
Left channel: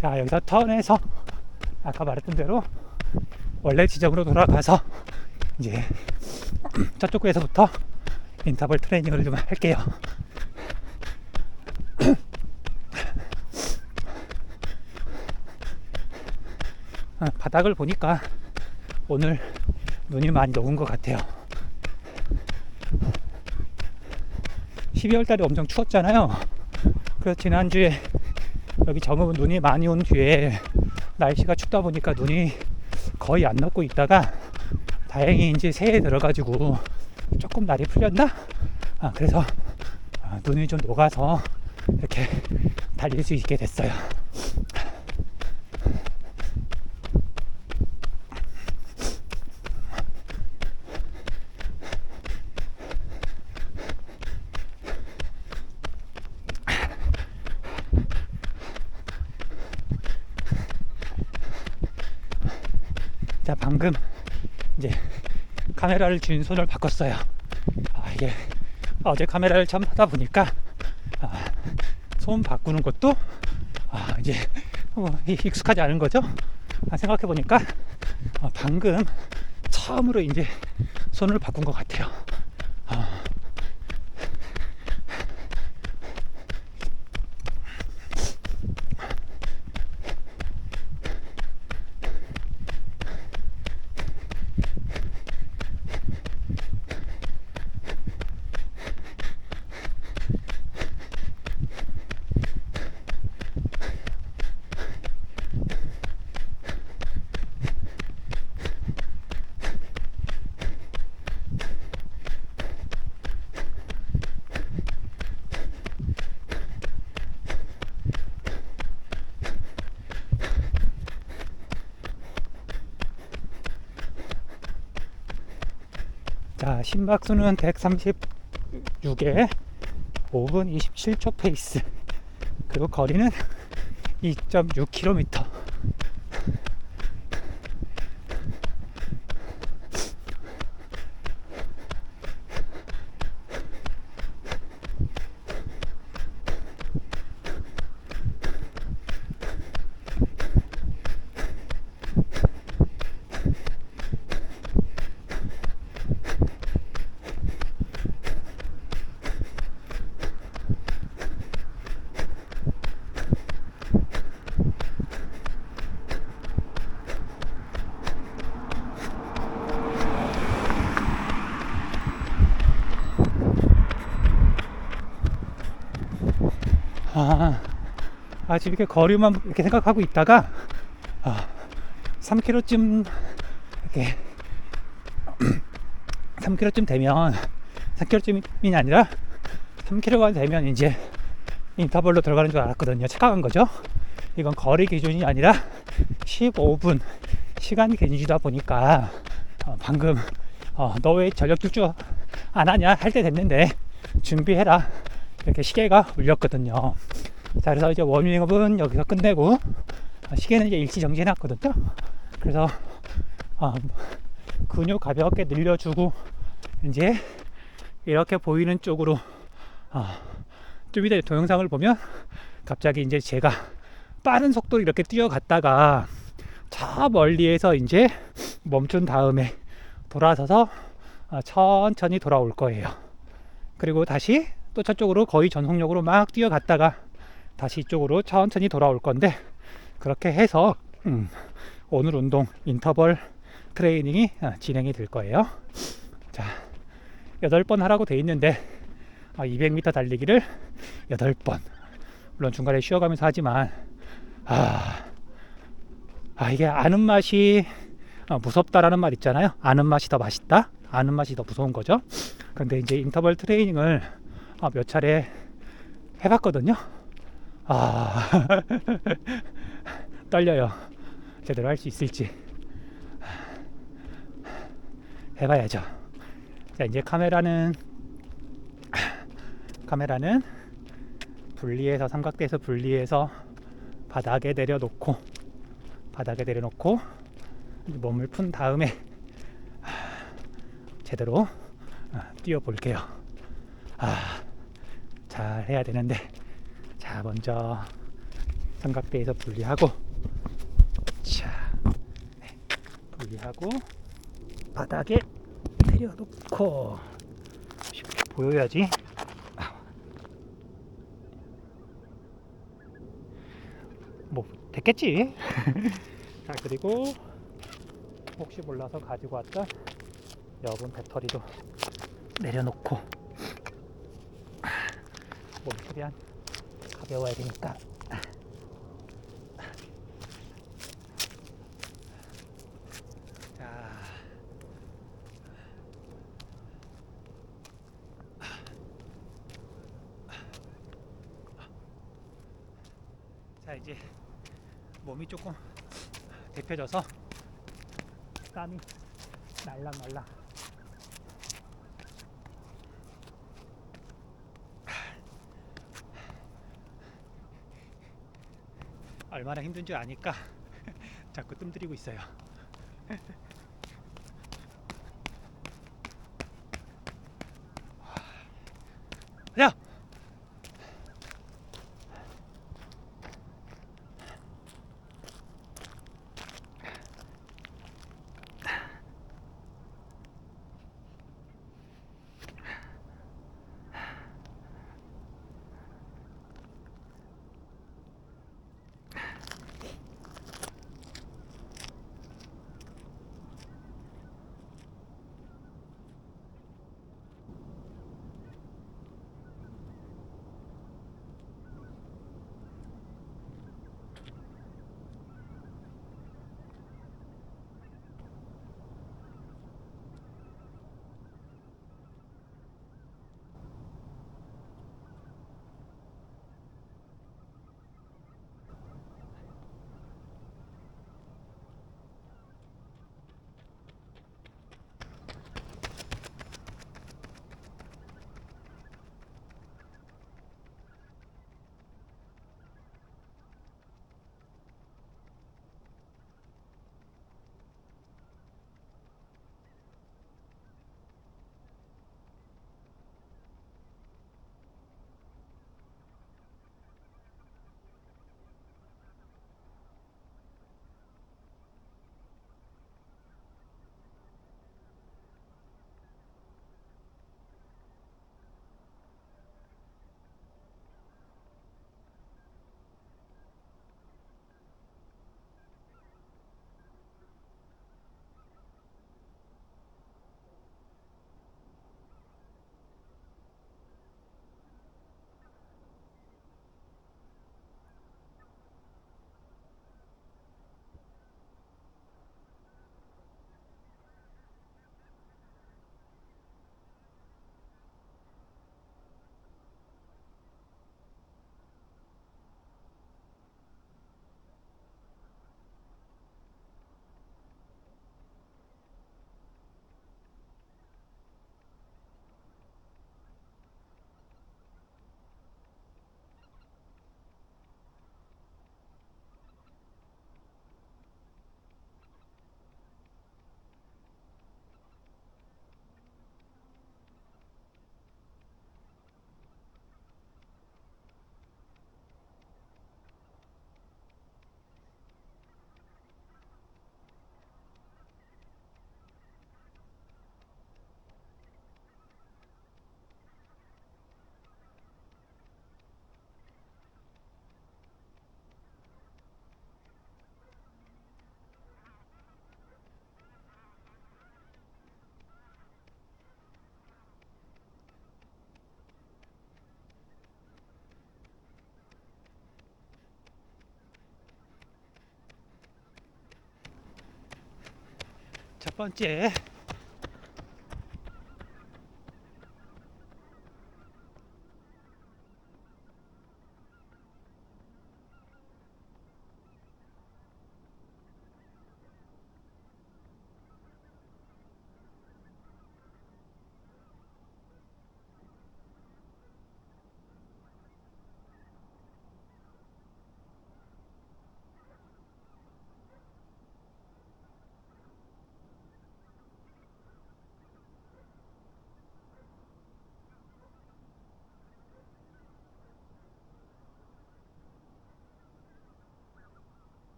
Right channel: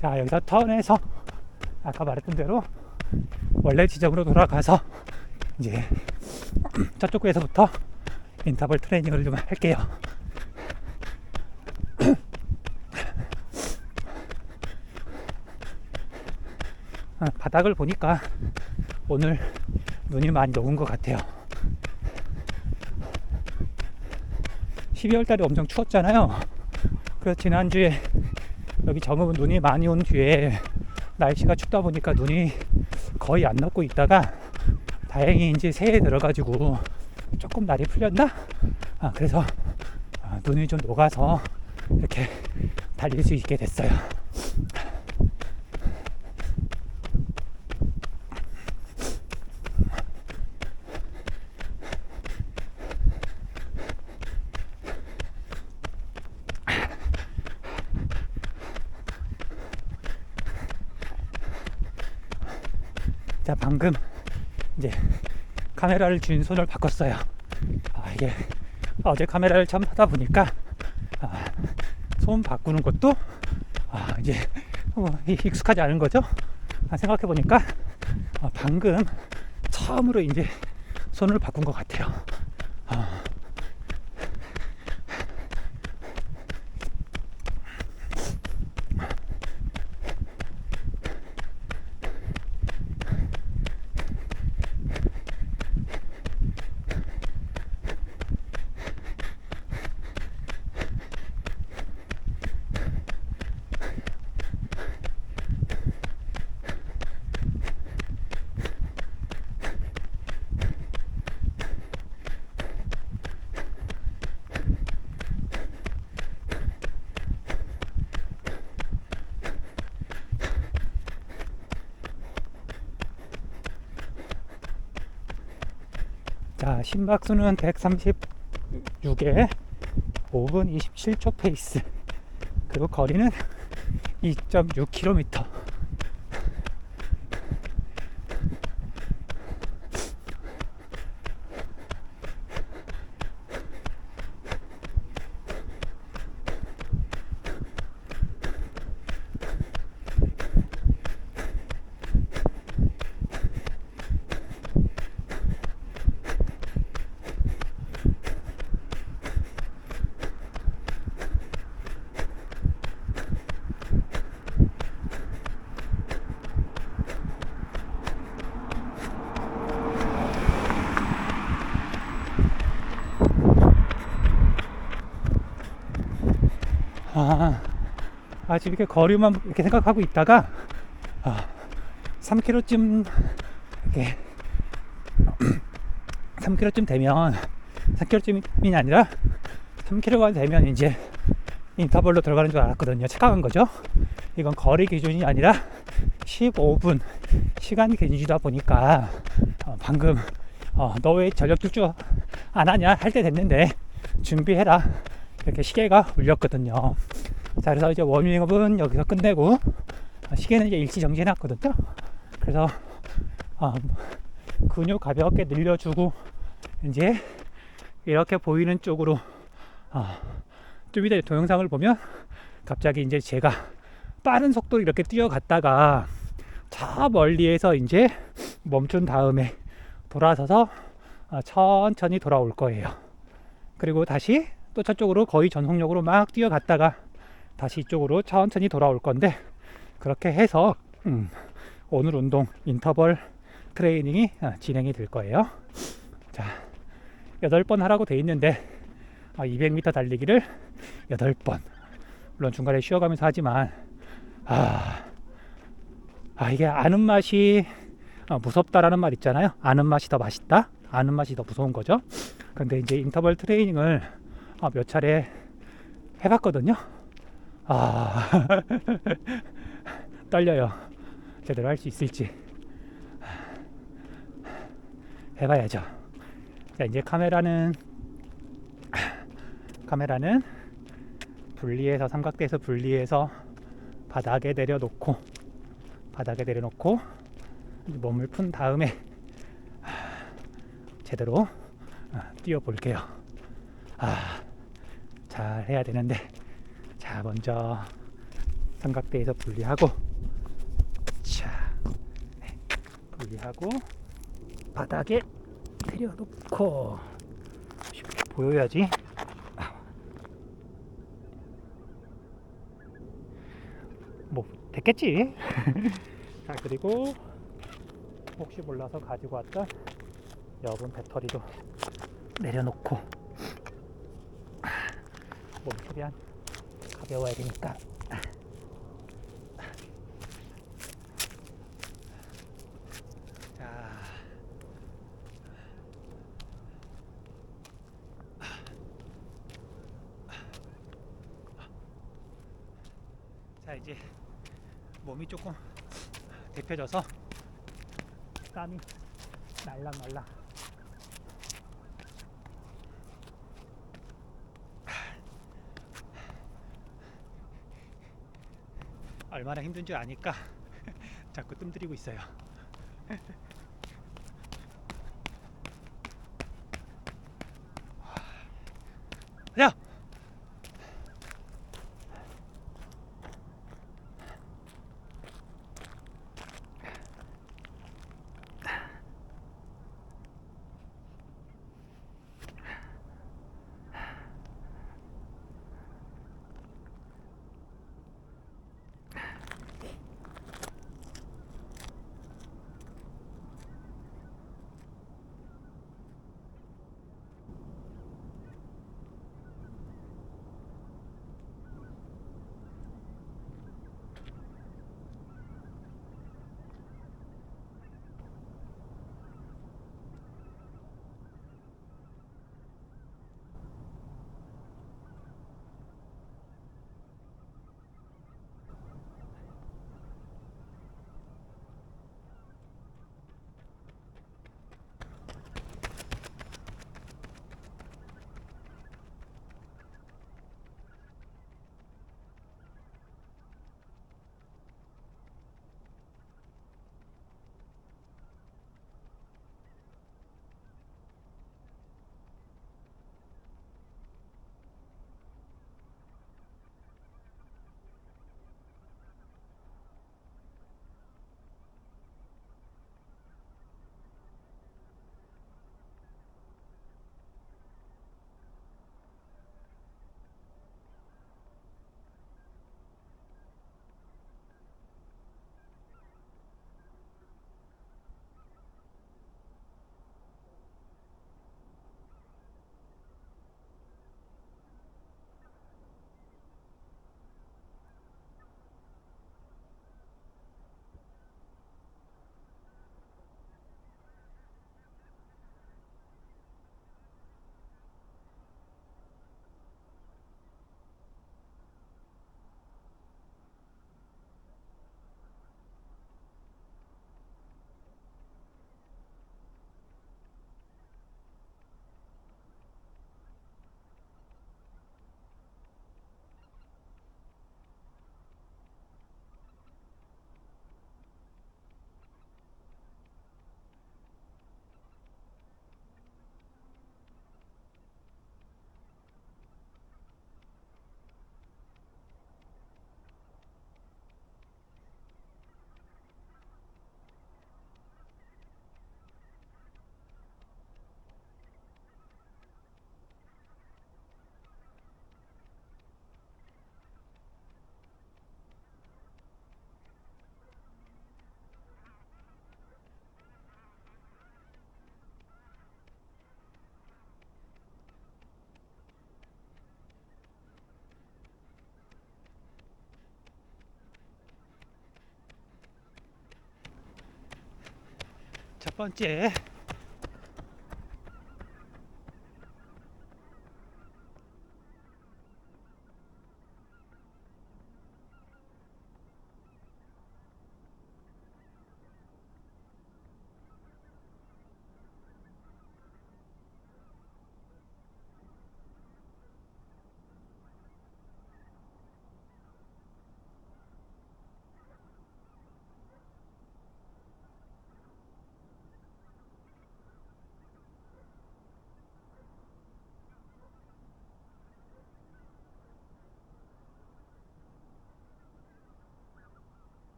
자, 여기서 턴해서 아까 말했던 대로 원래 지점으로 돌아가서 이제 저쪽 에서부터 인터벌 트레이닝을 좀 할게요. 바닥을 보니까 오늘 눈이 많이 녹은 것 같아요. 12월 달에 엄청 추웠잖아요. 그래서 지난주에 여기 정읍은 눈이 많이 온 뒤에 날씨가 춥다 보니까 눈이 거의 안 녹고 있다가 다행히 이제 새해 들어가지고 조금 날이 풀렸나? 그래서 눈이 좀 녹아서 이렇게 달릴 수 있게 됐어요. 자, 방금 이제 카메라를 쥔 손을 바꿨어요. 이게 어제 카메라를 참 하다 보니까 손 바꾸는 것도 이제 익숙하지 않은 거죠. 생각해 보니까 방금 처음으로 이제 손을 바꾼 것 같아요. 자, 심박수는 136에 5분 27초 페이스, 그리고 거리는 2.6km. 지금 이렇게 거리만 이렇게 생각하고 있다가 3km쯤 이렇게 3km쯤 되면 3km쯤이 아니라 3km가 되면 이제 인터벌로 들어가는 줄 알았거든요. 착각한 거죠. 이건 거리 기준이 아니라 15분 시간 기준이다 보니까 방금 너 왜 전력 질주 안 하냐 할 때 됐는데 준비해라 이렇게 시계가 울렸거든요. 자, 그래서 이제 워밍업은 여기서 끝내고 시계는 이제 일시정지 해놨거든요. 그래서 근육 가볍게 늘려주고 이제 이렇게 보이는 쪽으로 좀 이따 동영상을 보면 갑자기 이제 제가 빠른 속도로 이렇게 뛰어갔다가 저 멀리에서 이제 멈춘 다음에 돌아서서 천천히 돌아올 거예요. 그리고 다시 또 저쪽으로 거의 전속력으로 막 뛰어갔다가 다시 이쪽으로 천천히 돌아올 건데, 그렇게 해서 오늘 운동 인터벌 트레이닝이 진행이 될 거예요. 자, 8번 하라고 돼 있는데 200m 달리기를 8번, 물론 중간에 쉬어가면서 하지만 이게 아는 맛이 무섭다라는 말 있잖아요. 아는 맛이 더 맛있다, 아는 맛이 더 무서운 거죠. 근데 이제 인터벌 트레이닝을 몇 차례 해봤거든요. 떨려요. 제대로 할 수 있을지. 해봐야죠. 자, 이제 카메라는 분리해서, 삼각대에서 분리해서 바닥에 내려놓고 몸을 푼 다음에 제대로 뛰어 볼게요. 잘 해야 되는데. 자, 먼저 삼각대에서 분리하고, 자, 네, 분리하고 바닥에 내려놓고, 쉽게 보여야지. 뭐 됐겠지. 자, 그리고 혹시 몰라서 가지고 왔던 여분 배터리도 내려놓고, 몸 최대한 가벼워야 되니까. 자, 자 이제 몸이 조금 데펴져서 땀이 날랑날랑. 얼마나 힘든 줄 아니까 자꾸 뜸들이고 있어요. 야! 첫 번째,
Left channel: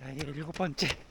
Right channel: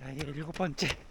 자, 이게 7번째.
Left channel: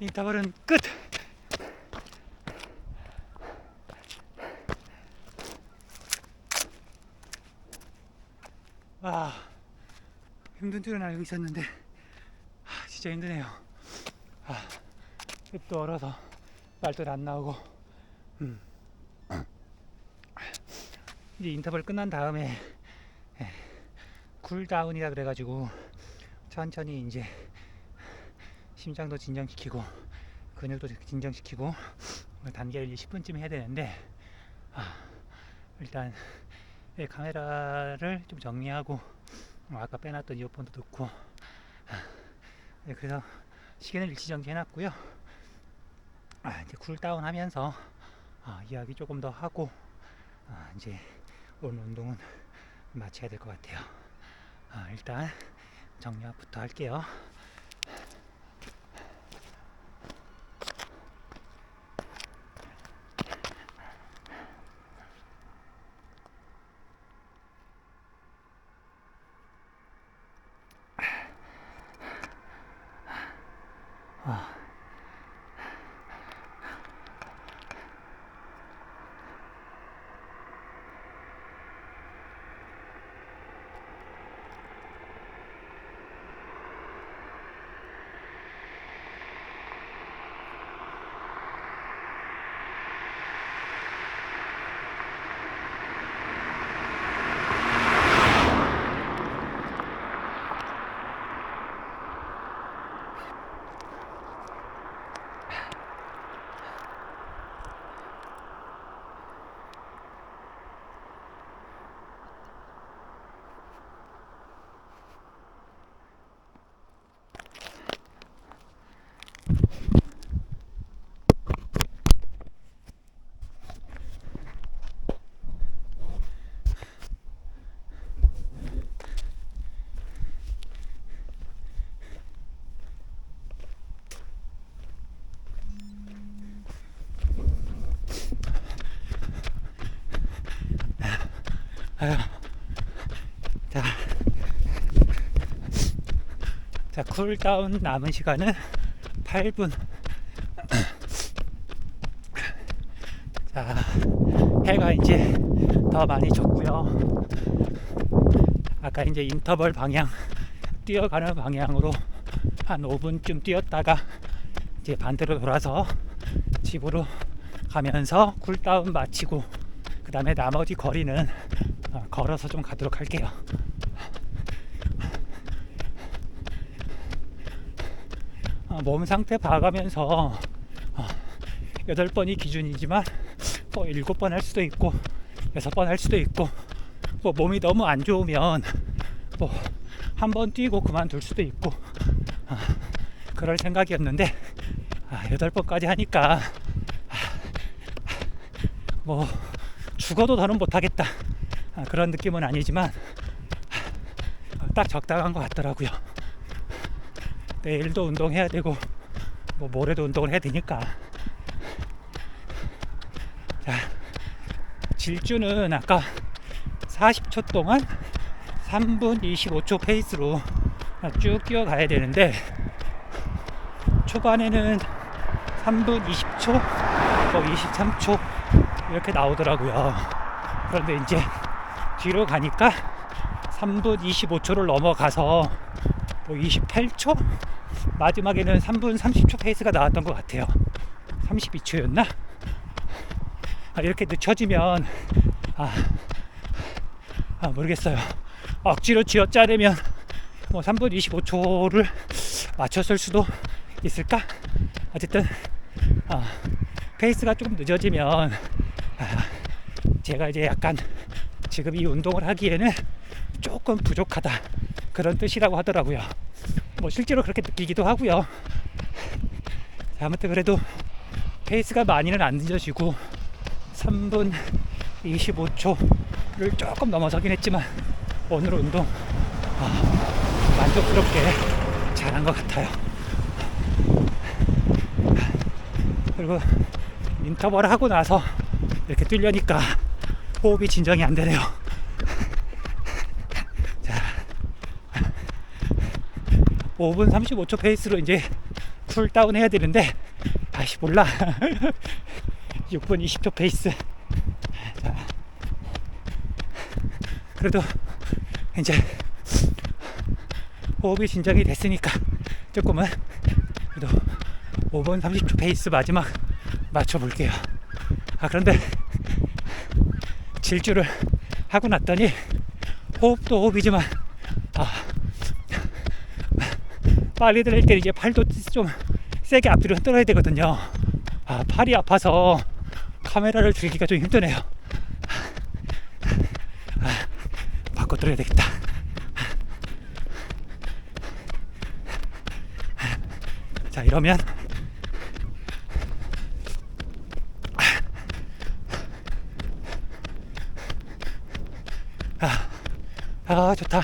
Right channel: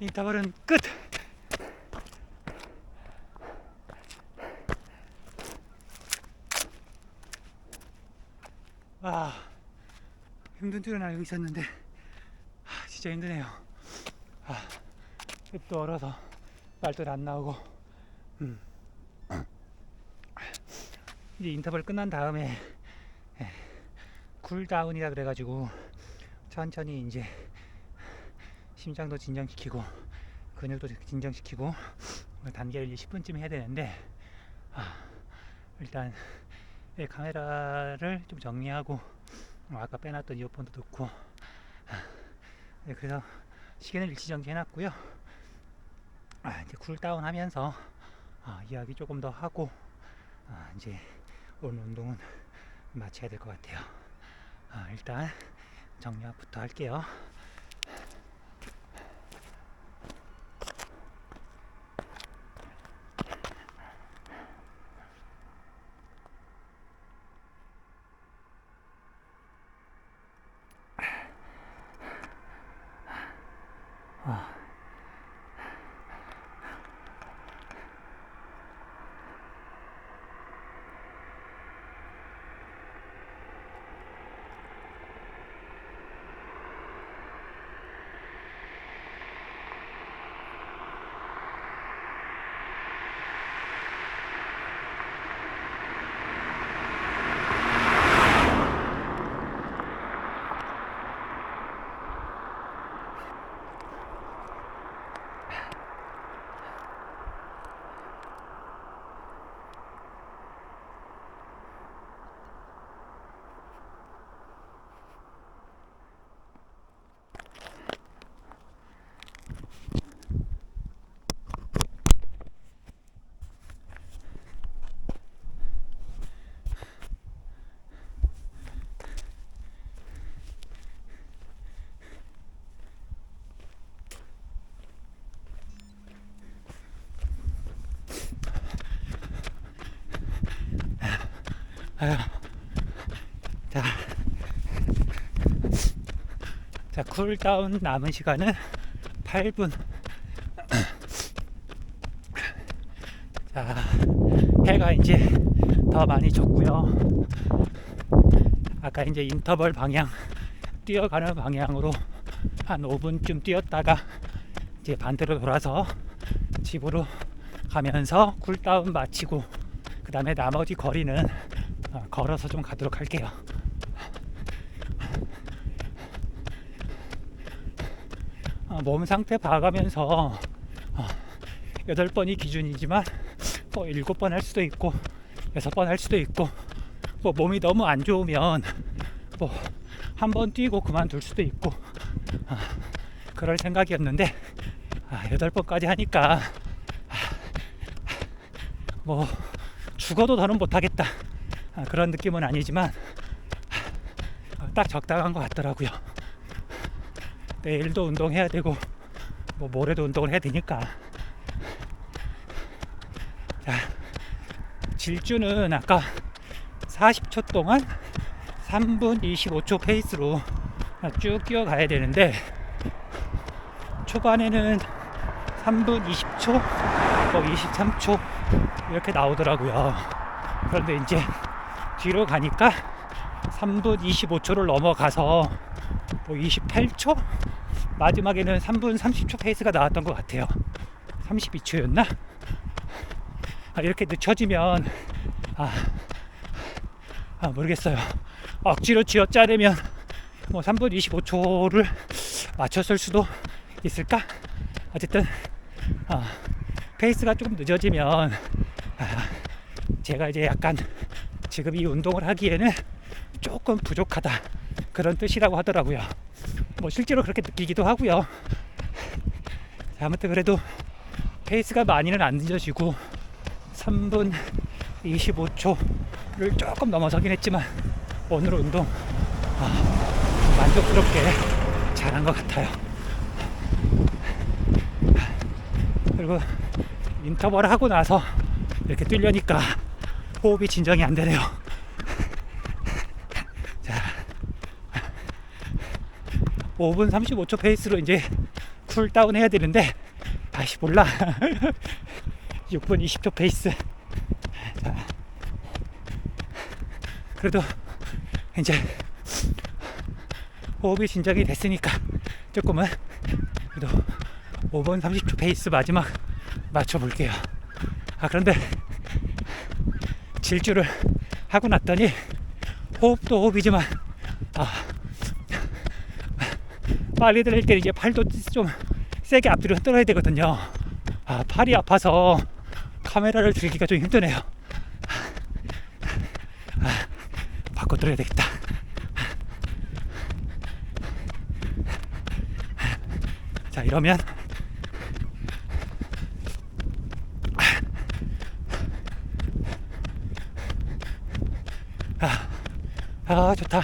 인터벌은 끝! 아, 힘든 줄은 알고 있었는데 진짜 힘드네요. 입도 얼어서 말도 안 나오고. 이제 인터벌 끝난 다음에 쿨다운이라 그래가지고 천천히 이제 심장도 진정시키고 근육도 진정시키고 단계를 10분쯤 해야 되는데, 일단 카메라를 좀 정리하고 아까 빼놨던 이어폰도 넣고, 그래서 시계는 일치정지 해놨고요. 이제 쿨다운 하면서 이야기 조금 더 하고 이제 오늘 운동은 마쳐야 될 것 같아요. 일단 정리부터 할게요. 아유. 자, 자, 쿨다운 남은 시간은 8분. 자, 해가 이제 더 많이 졌고요. 아까 이제 인터벌 방향, 뛰어가는 방향으로 한 5분쯤 뛰었다가 이제 반대로 돌아서 집으로 가면서 쿨다운 마치고 그 다음에 나머지 거리는 걸어서 좀 가도록 할게요. 몸 상태 봐가면서 8번이 기준이지만 7번 할 수도 있고 6번 할 수도 있고 몸이 너무 안 좋으면 한 번 뛰고 그만둘 수도 있고 그럴 생각이었는데 8번까지 하니까 죽어도 더는 못하겠다 그런 느낌은 아니지만 딱 적당한 것 같더라고요. 내일도 운동해야 되고 모레도 운동을 해야 되니까. 자, 질주는 아까 40초 동안 3분 25초 페이스로 쭉 뛰어가야 되는데 초반에는 3분 20초, 23초 이렇게 나오더라고요. 그런데 이제 뒤로 가니까 3분 25초를 넘어가서 28초? 마지막에는 3분 30초 페이스가 나왔던 것 같아요. 32초였나? 이렇게 늦춰지면 모르겠어요. 억지로 쥐어짜내면 3분 25초를 맞췄을 수도 있을까? 어쨌든 페이스가 조금 늦어지면 제가 이제 약간 지금 이 운동을 하기에는 조금 부족하다 그런 뜻이라고 하더라고요. 실제로 그렇게 느끼기도 하고요. 아무튼 그래도 페이스가 많이는 안 늦어지고 3분 25초를 조금 넘어서긴 했지만 오늘 운동 만족스럽게 잘한 것 같아요. 그리고 인터벌 하고 나서 이렇게 뛰려니까 호흡이 진정이 안 되네요. 자, 5분 35초 페이스로 이제 쿨다운 해야 되는데 몰라. 6분 20초 페이스. 자, 그래도 이제 호흡이 진정이 됐으니까 조금은 그래도 5분 30초 페이스 마지막 맞춰볼게요. 그런데 질주를 하고 났더니 호흡도 호흡이지만 빨리 들을 때 이제 팔도 좀 세게 앞뒤로 흔들어야 되거든요. 팔이 아파서 카메라를 들기가 좀 힘드네요. 바꿔 들어야 되겠다. 자, 이러면 좋다.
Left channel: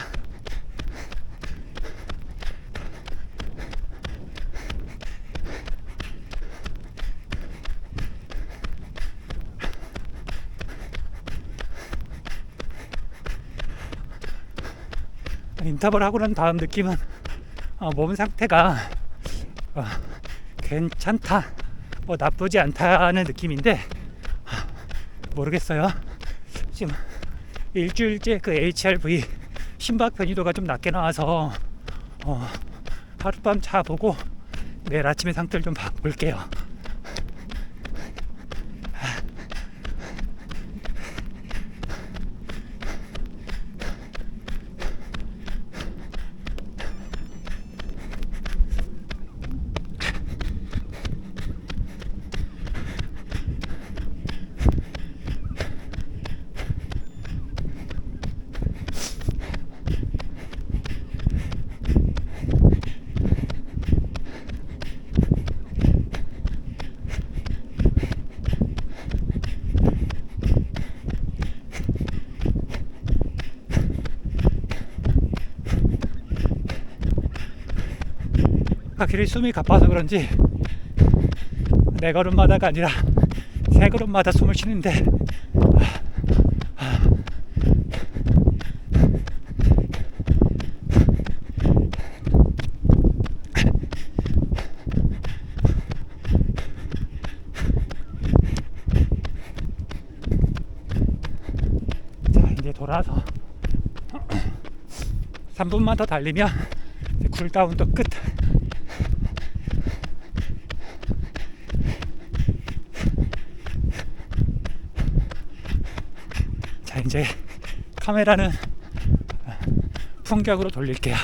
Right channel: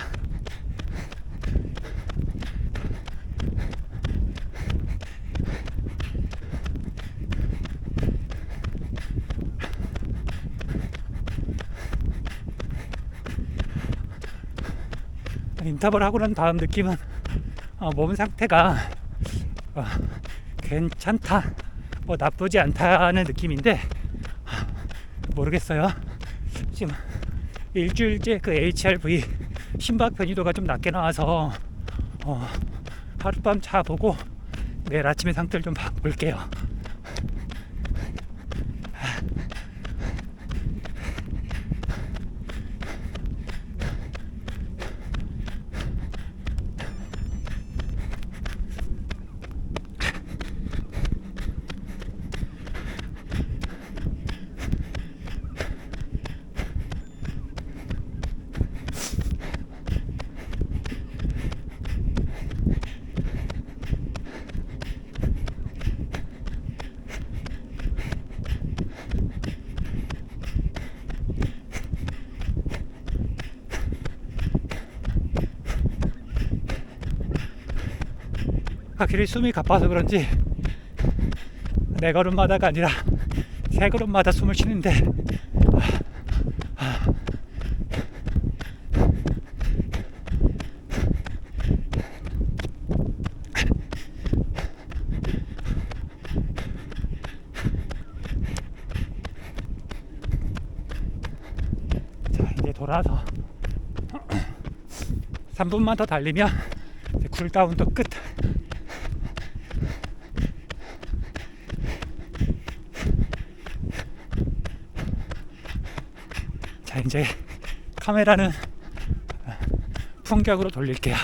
인터벌 하고 난 다음 느낌은 몸 상태가 괜찮다, 나쁘지 않다는 느낌인데 모르겠어요. 지금 일주일째 그 HRV 심박 변이도가 좀 낮게 나와서 하룻밤 자 보고 내일 아침에 상태를 좀 볼게요. 확실히 숨이 가빠서 그런지 네 걸음마다가 아니라 세 걸음마다 숨을 쉬는데 돌아서 3분만 더 달리면 쿨다운도 끝. 자, 이제 카메라는 풍경으로 돌릴게요.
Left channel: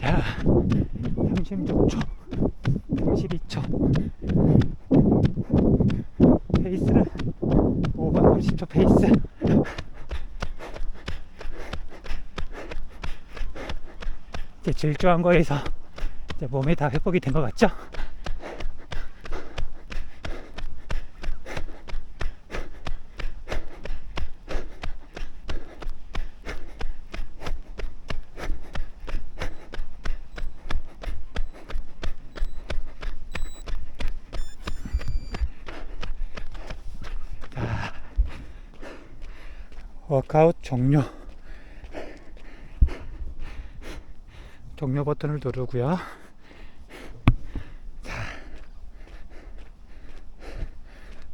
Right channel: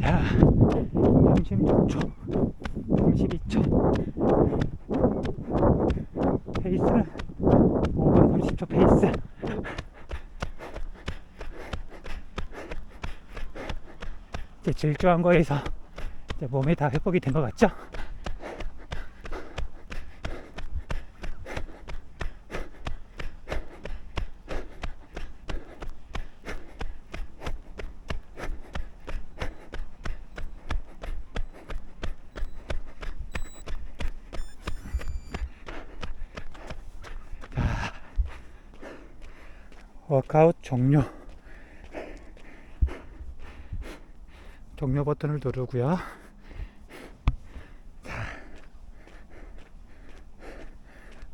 자, 36초, 32초. 페이스는 5분 30초 페이스. 이제 질주한 거에서 이제 몸이 다 회복이 된 것 같죠? 워크아웃 종료. 종료 버튼을 누르고요. 자,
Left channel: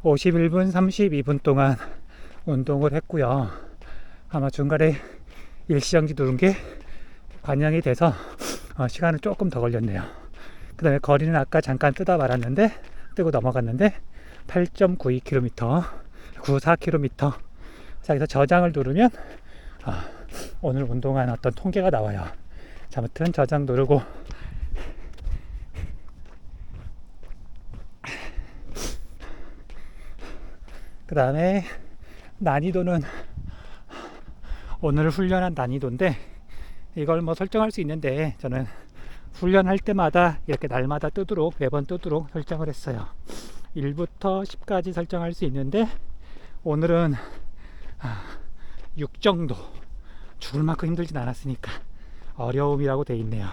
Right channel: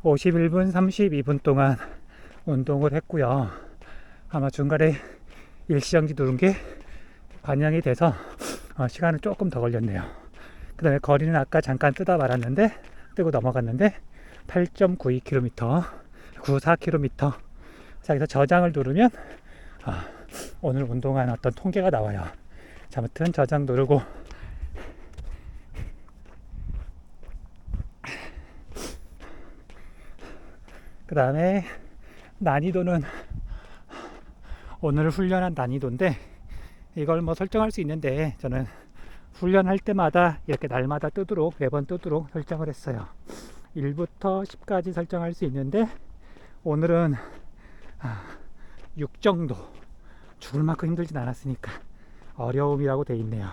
51분 32분 동안 운동을 했고요. 아마 중간에 일시정지 누른 게 반영이 돼서 시간은 조금 더 걸렸네요. 그 다음에 거리는 아까 잠깐 뜨고 넘어갔는데 8.92km, 94km. 자, 여기서 저장을 누르면 오늘 운동한 어떤 통계가 나와요. 자, 아무튼 저장 누르고 그 다음에 난이도는 오늘 훈련한 난이도인데 이걸 뭐 설정할 수 있는데 저는 훈련할 때마다 이렇게 날마다 뜨도록 매번 뜨도록 설정을 했어요. 1부터 10까지 설정할 수 있는데 오늘은 6 정도. 죽을 만큼 힘들진 않았으니까 어려움이라고 돼 있네요.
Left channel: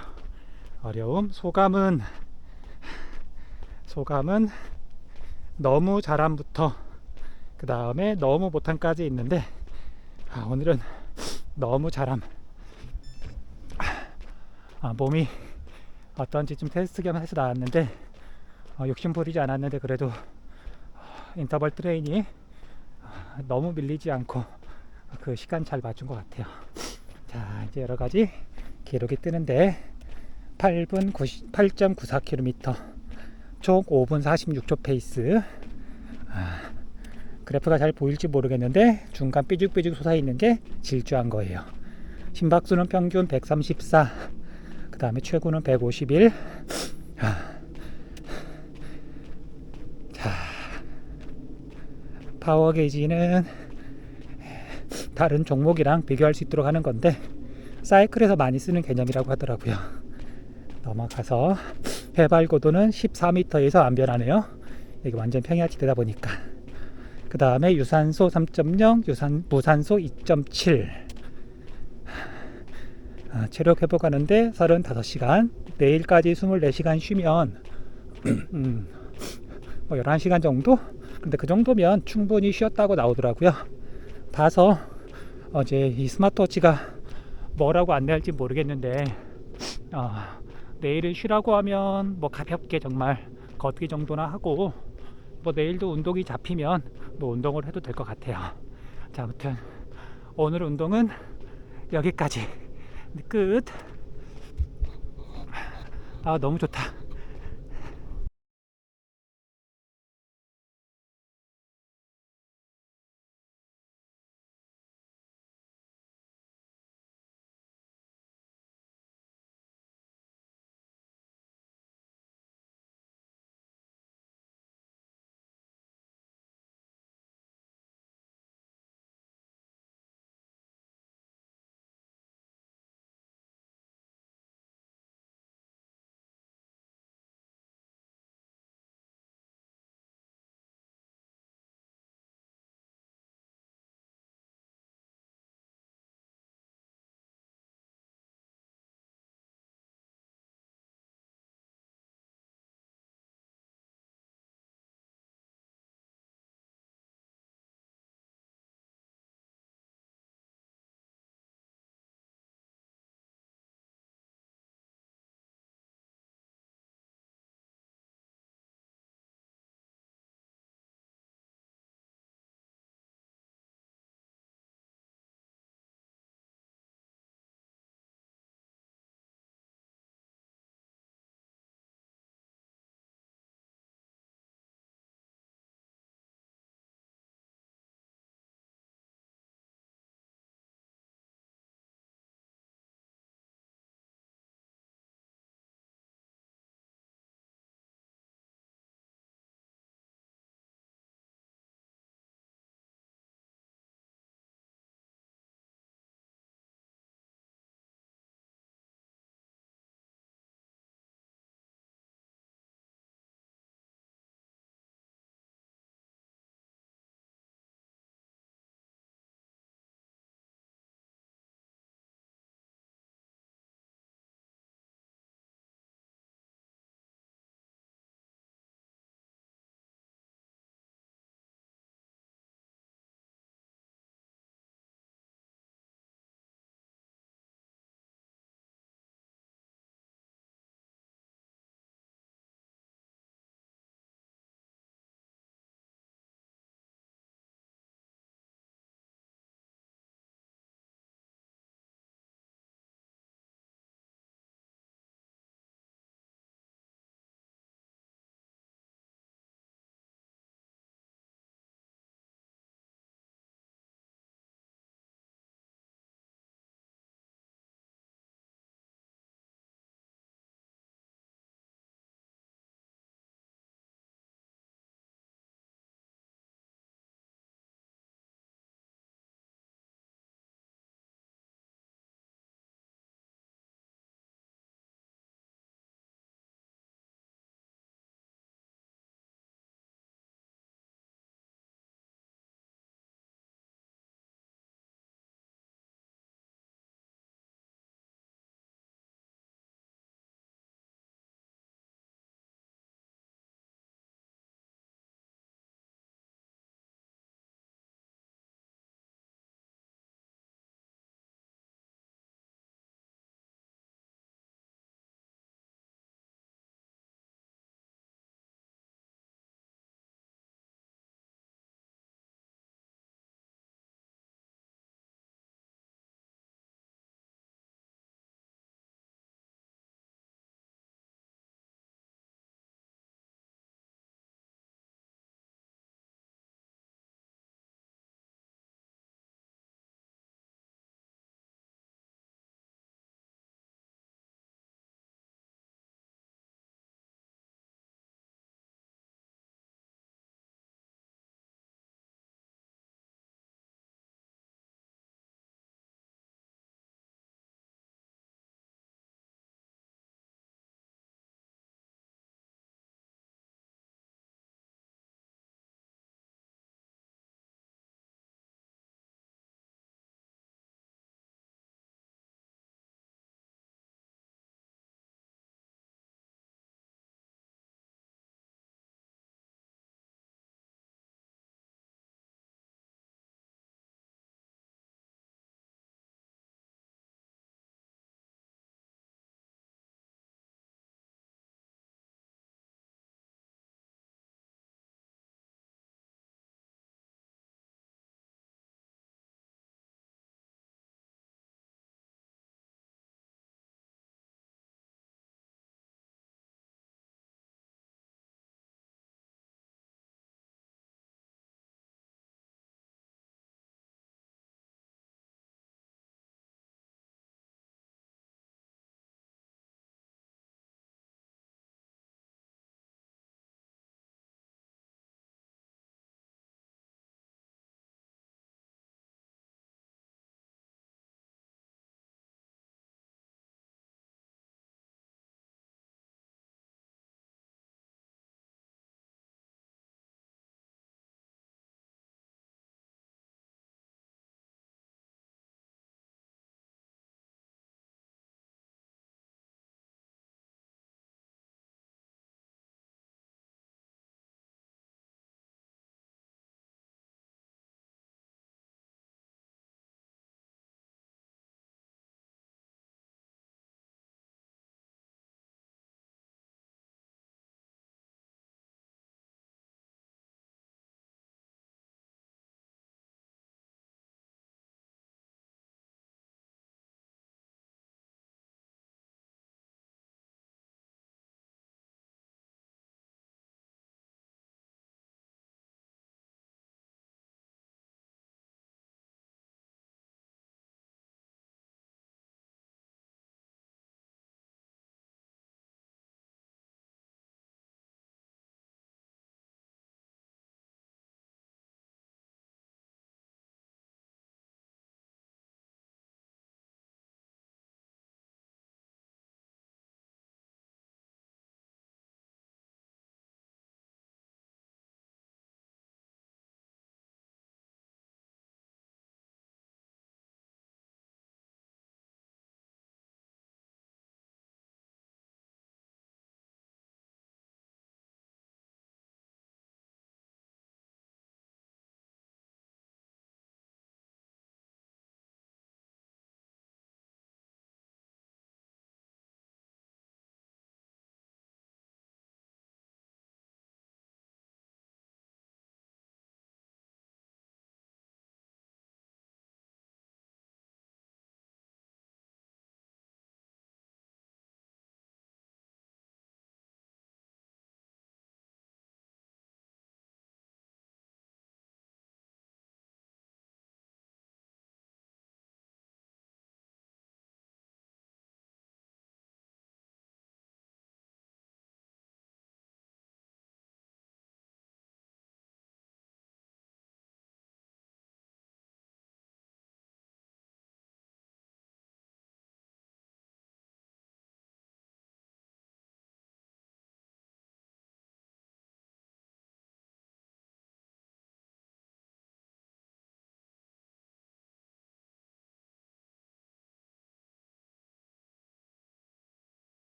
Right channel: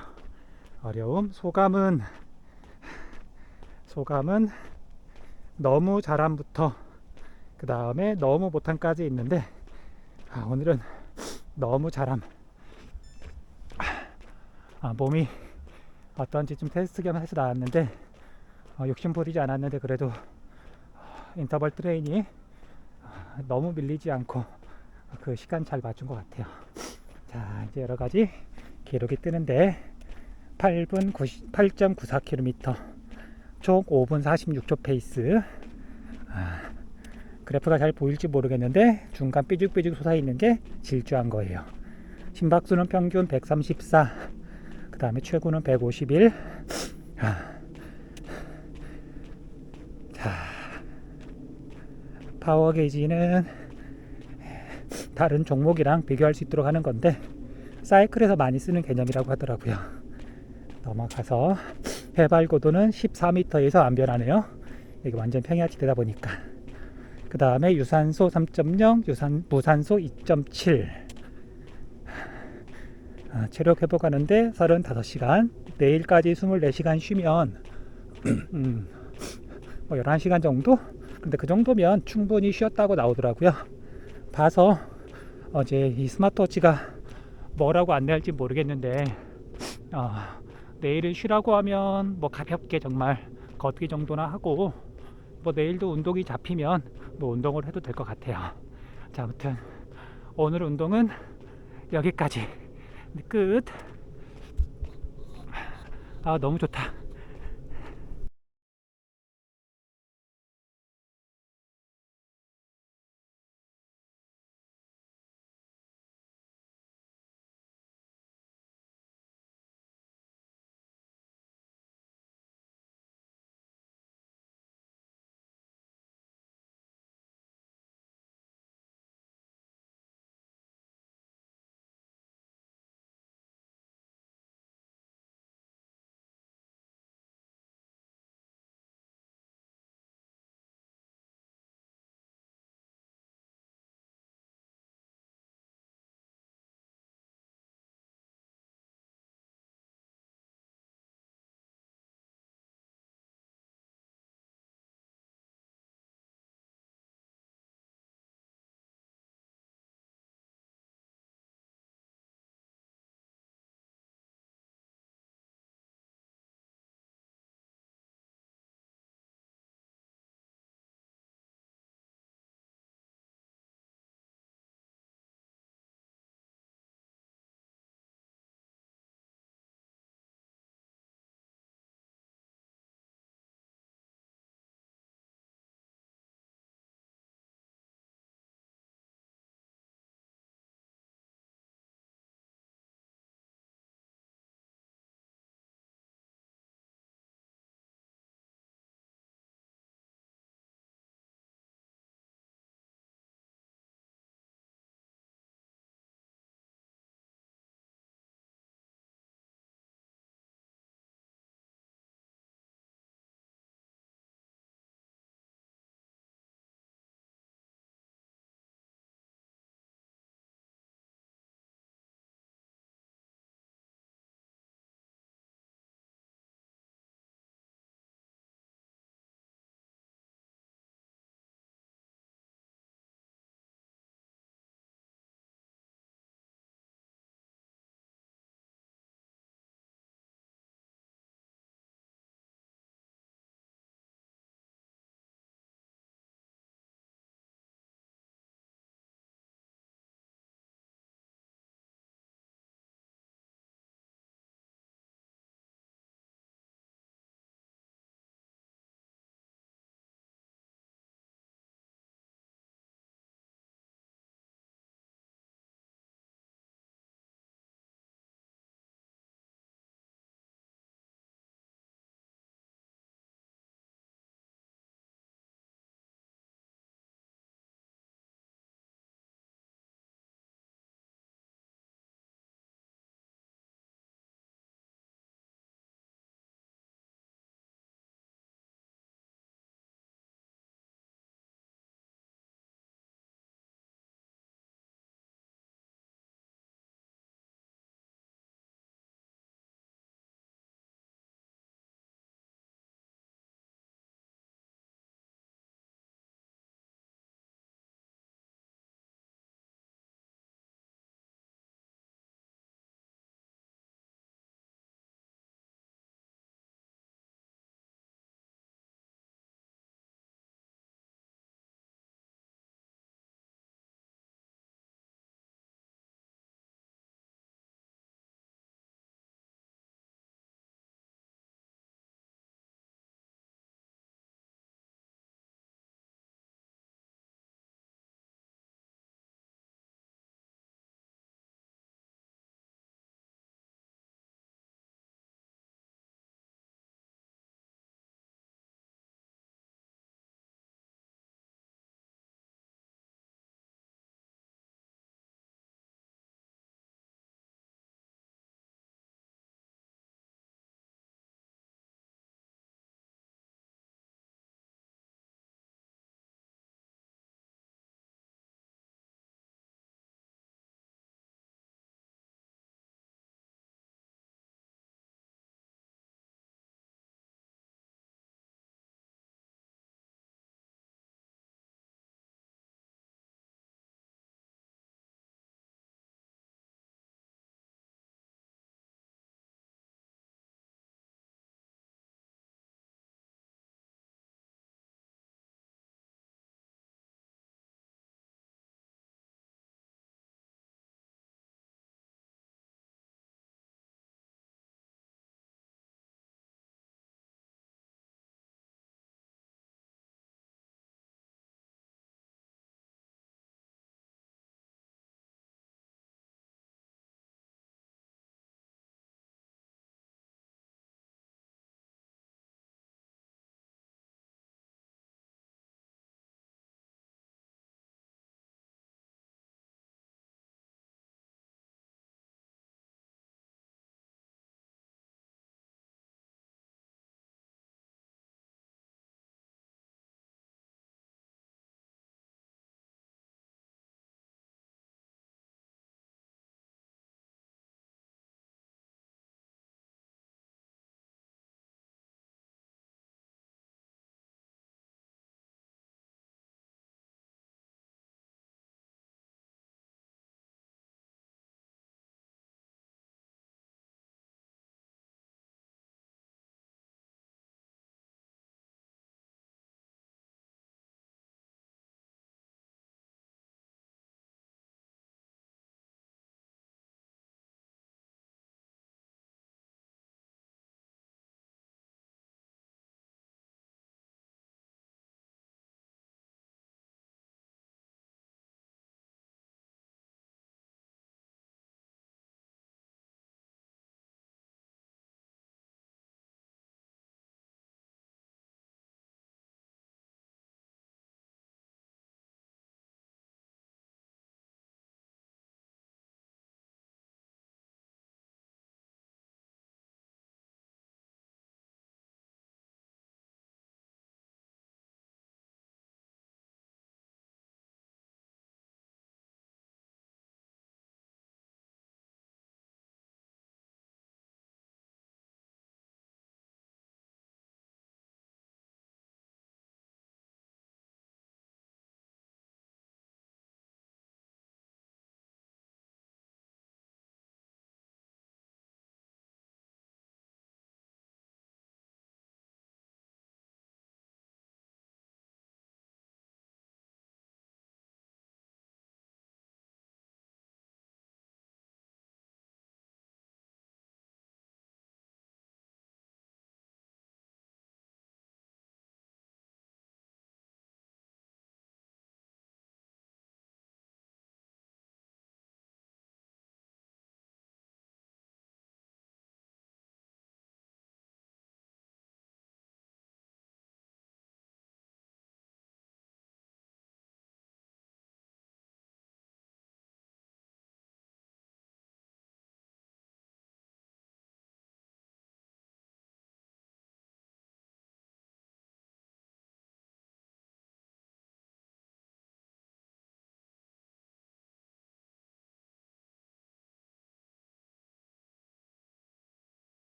어려움. 소감은 너무 잘함부터 그 다음에 너무 못함까지 있는데 오늘은 너무 잘함. 몸이 어떤지 좀 테스트 겸 해서 나왔는데 욕심 부리지 않았는데 그래도 인터벌 트레이닝 너무 밀리지 않고 그 시간 잘 맞춘 것 같아요. 자, 이제 여러 가지 기록이 뜨는데 8.94km, 총 5분 46초 페이스. 그래프가 잘 보일지 모르겠는데 중간 삐죽삐죽 솟아있는 게 질주한 거예요. 심박수는 평균 134, 그 다음에 최고는 151. 자, 파워 게이지는 다른 종목이랑 비교할 수 있도록 하는 건데, 사이클에서 많이 쓰는 개념이라고 하더라고요. 넘어가서 해발 고도는 14m에서 안 변하네요. 여기 완전 평야지대다 보니까. 그 다음에 유산소 3.0, 무산소 2.7. 체력 회복하는데 35시간. 내일까지 24시간 쉬면 뭐 11시간 정도? 근데 그 정도면 충분히 쉬었다고 나오더라고요. 봐서 어제 이 스마트워치가 뭐라고 안내할지 모르겠는데, 내일은 쉬라고 하면 뭐 가볍게 정말 걷기 정도나 하고, 뭐 내일도 운동이 잡히면 뭐 운동을 해도 될 것 같아요. 자, 아무튼 오늘 운동은 여기까지. 끝. 너무 좋다.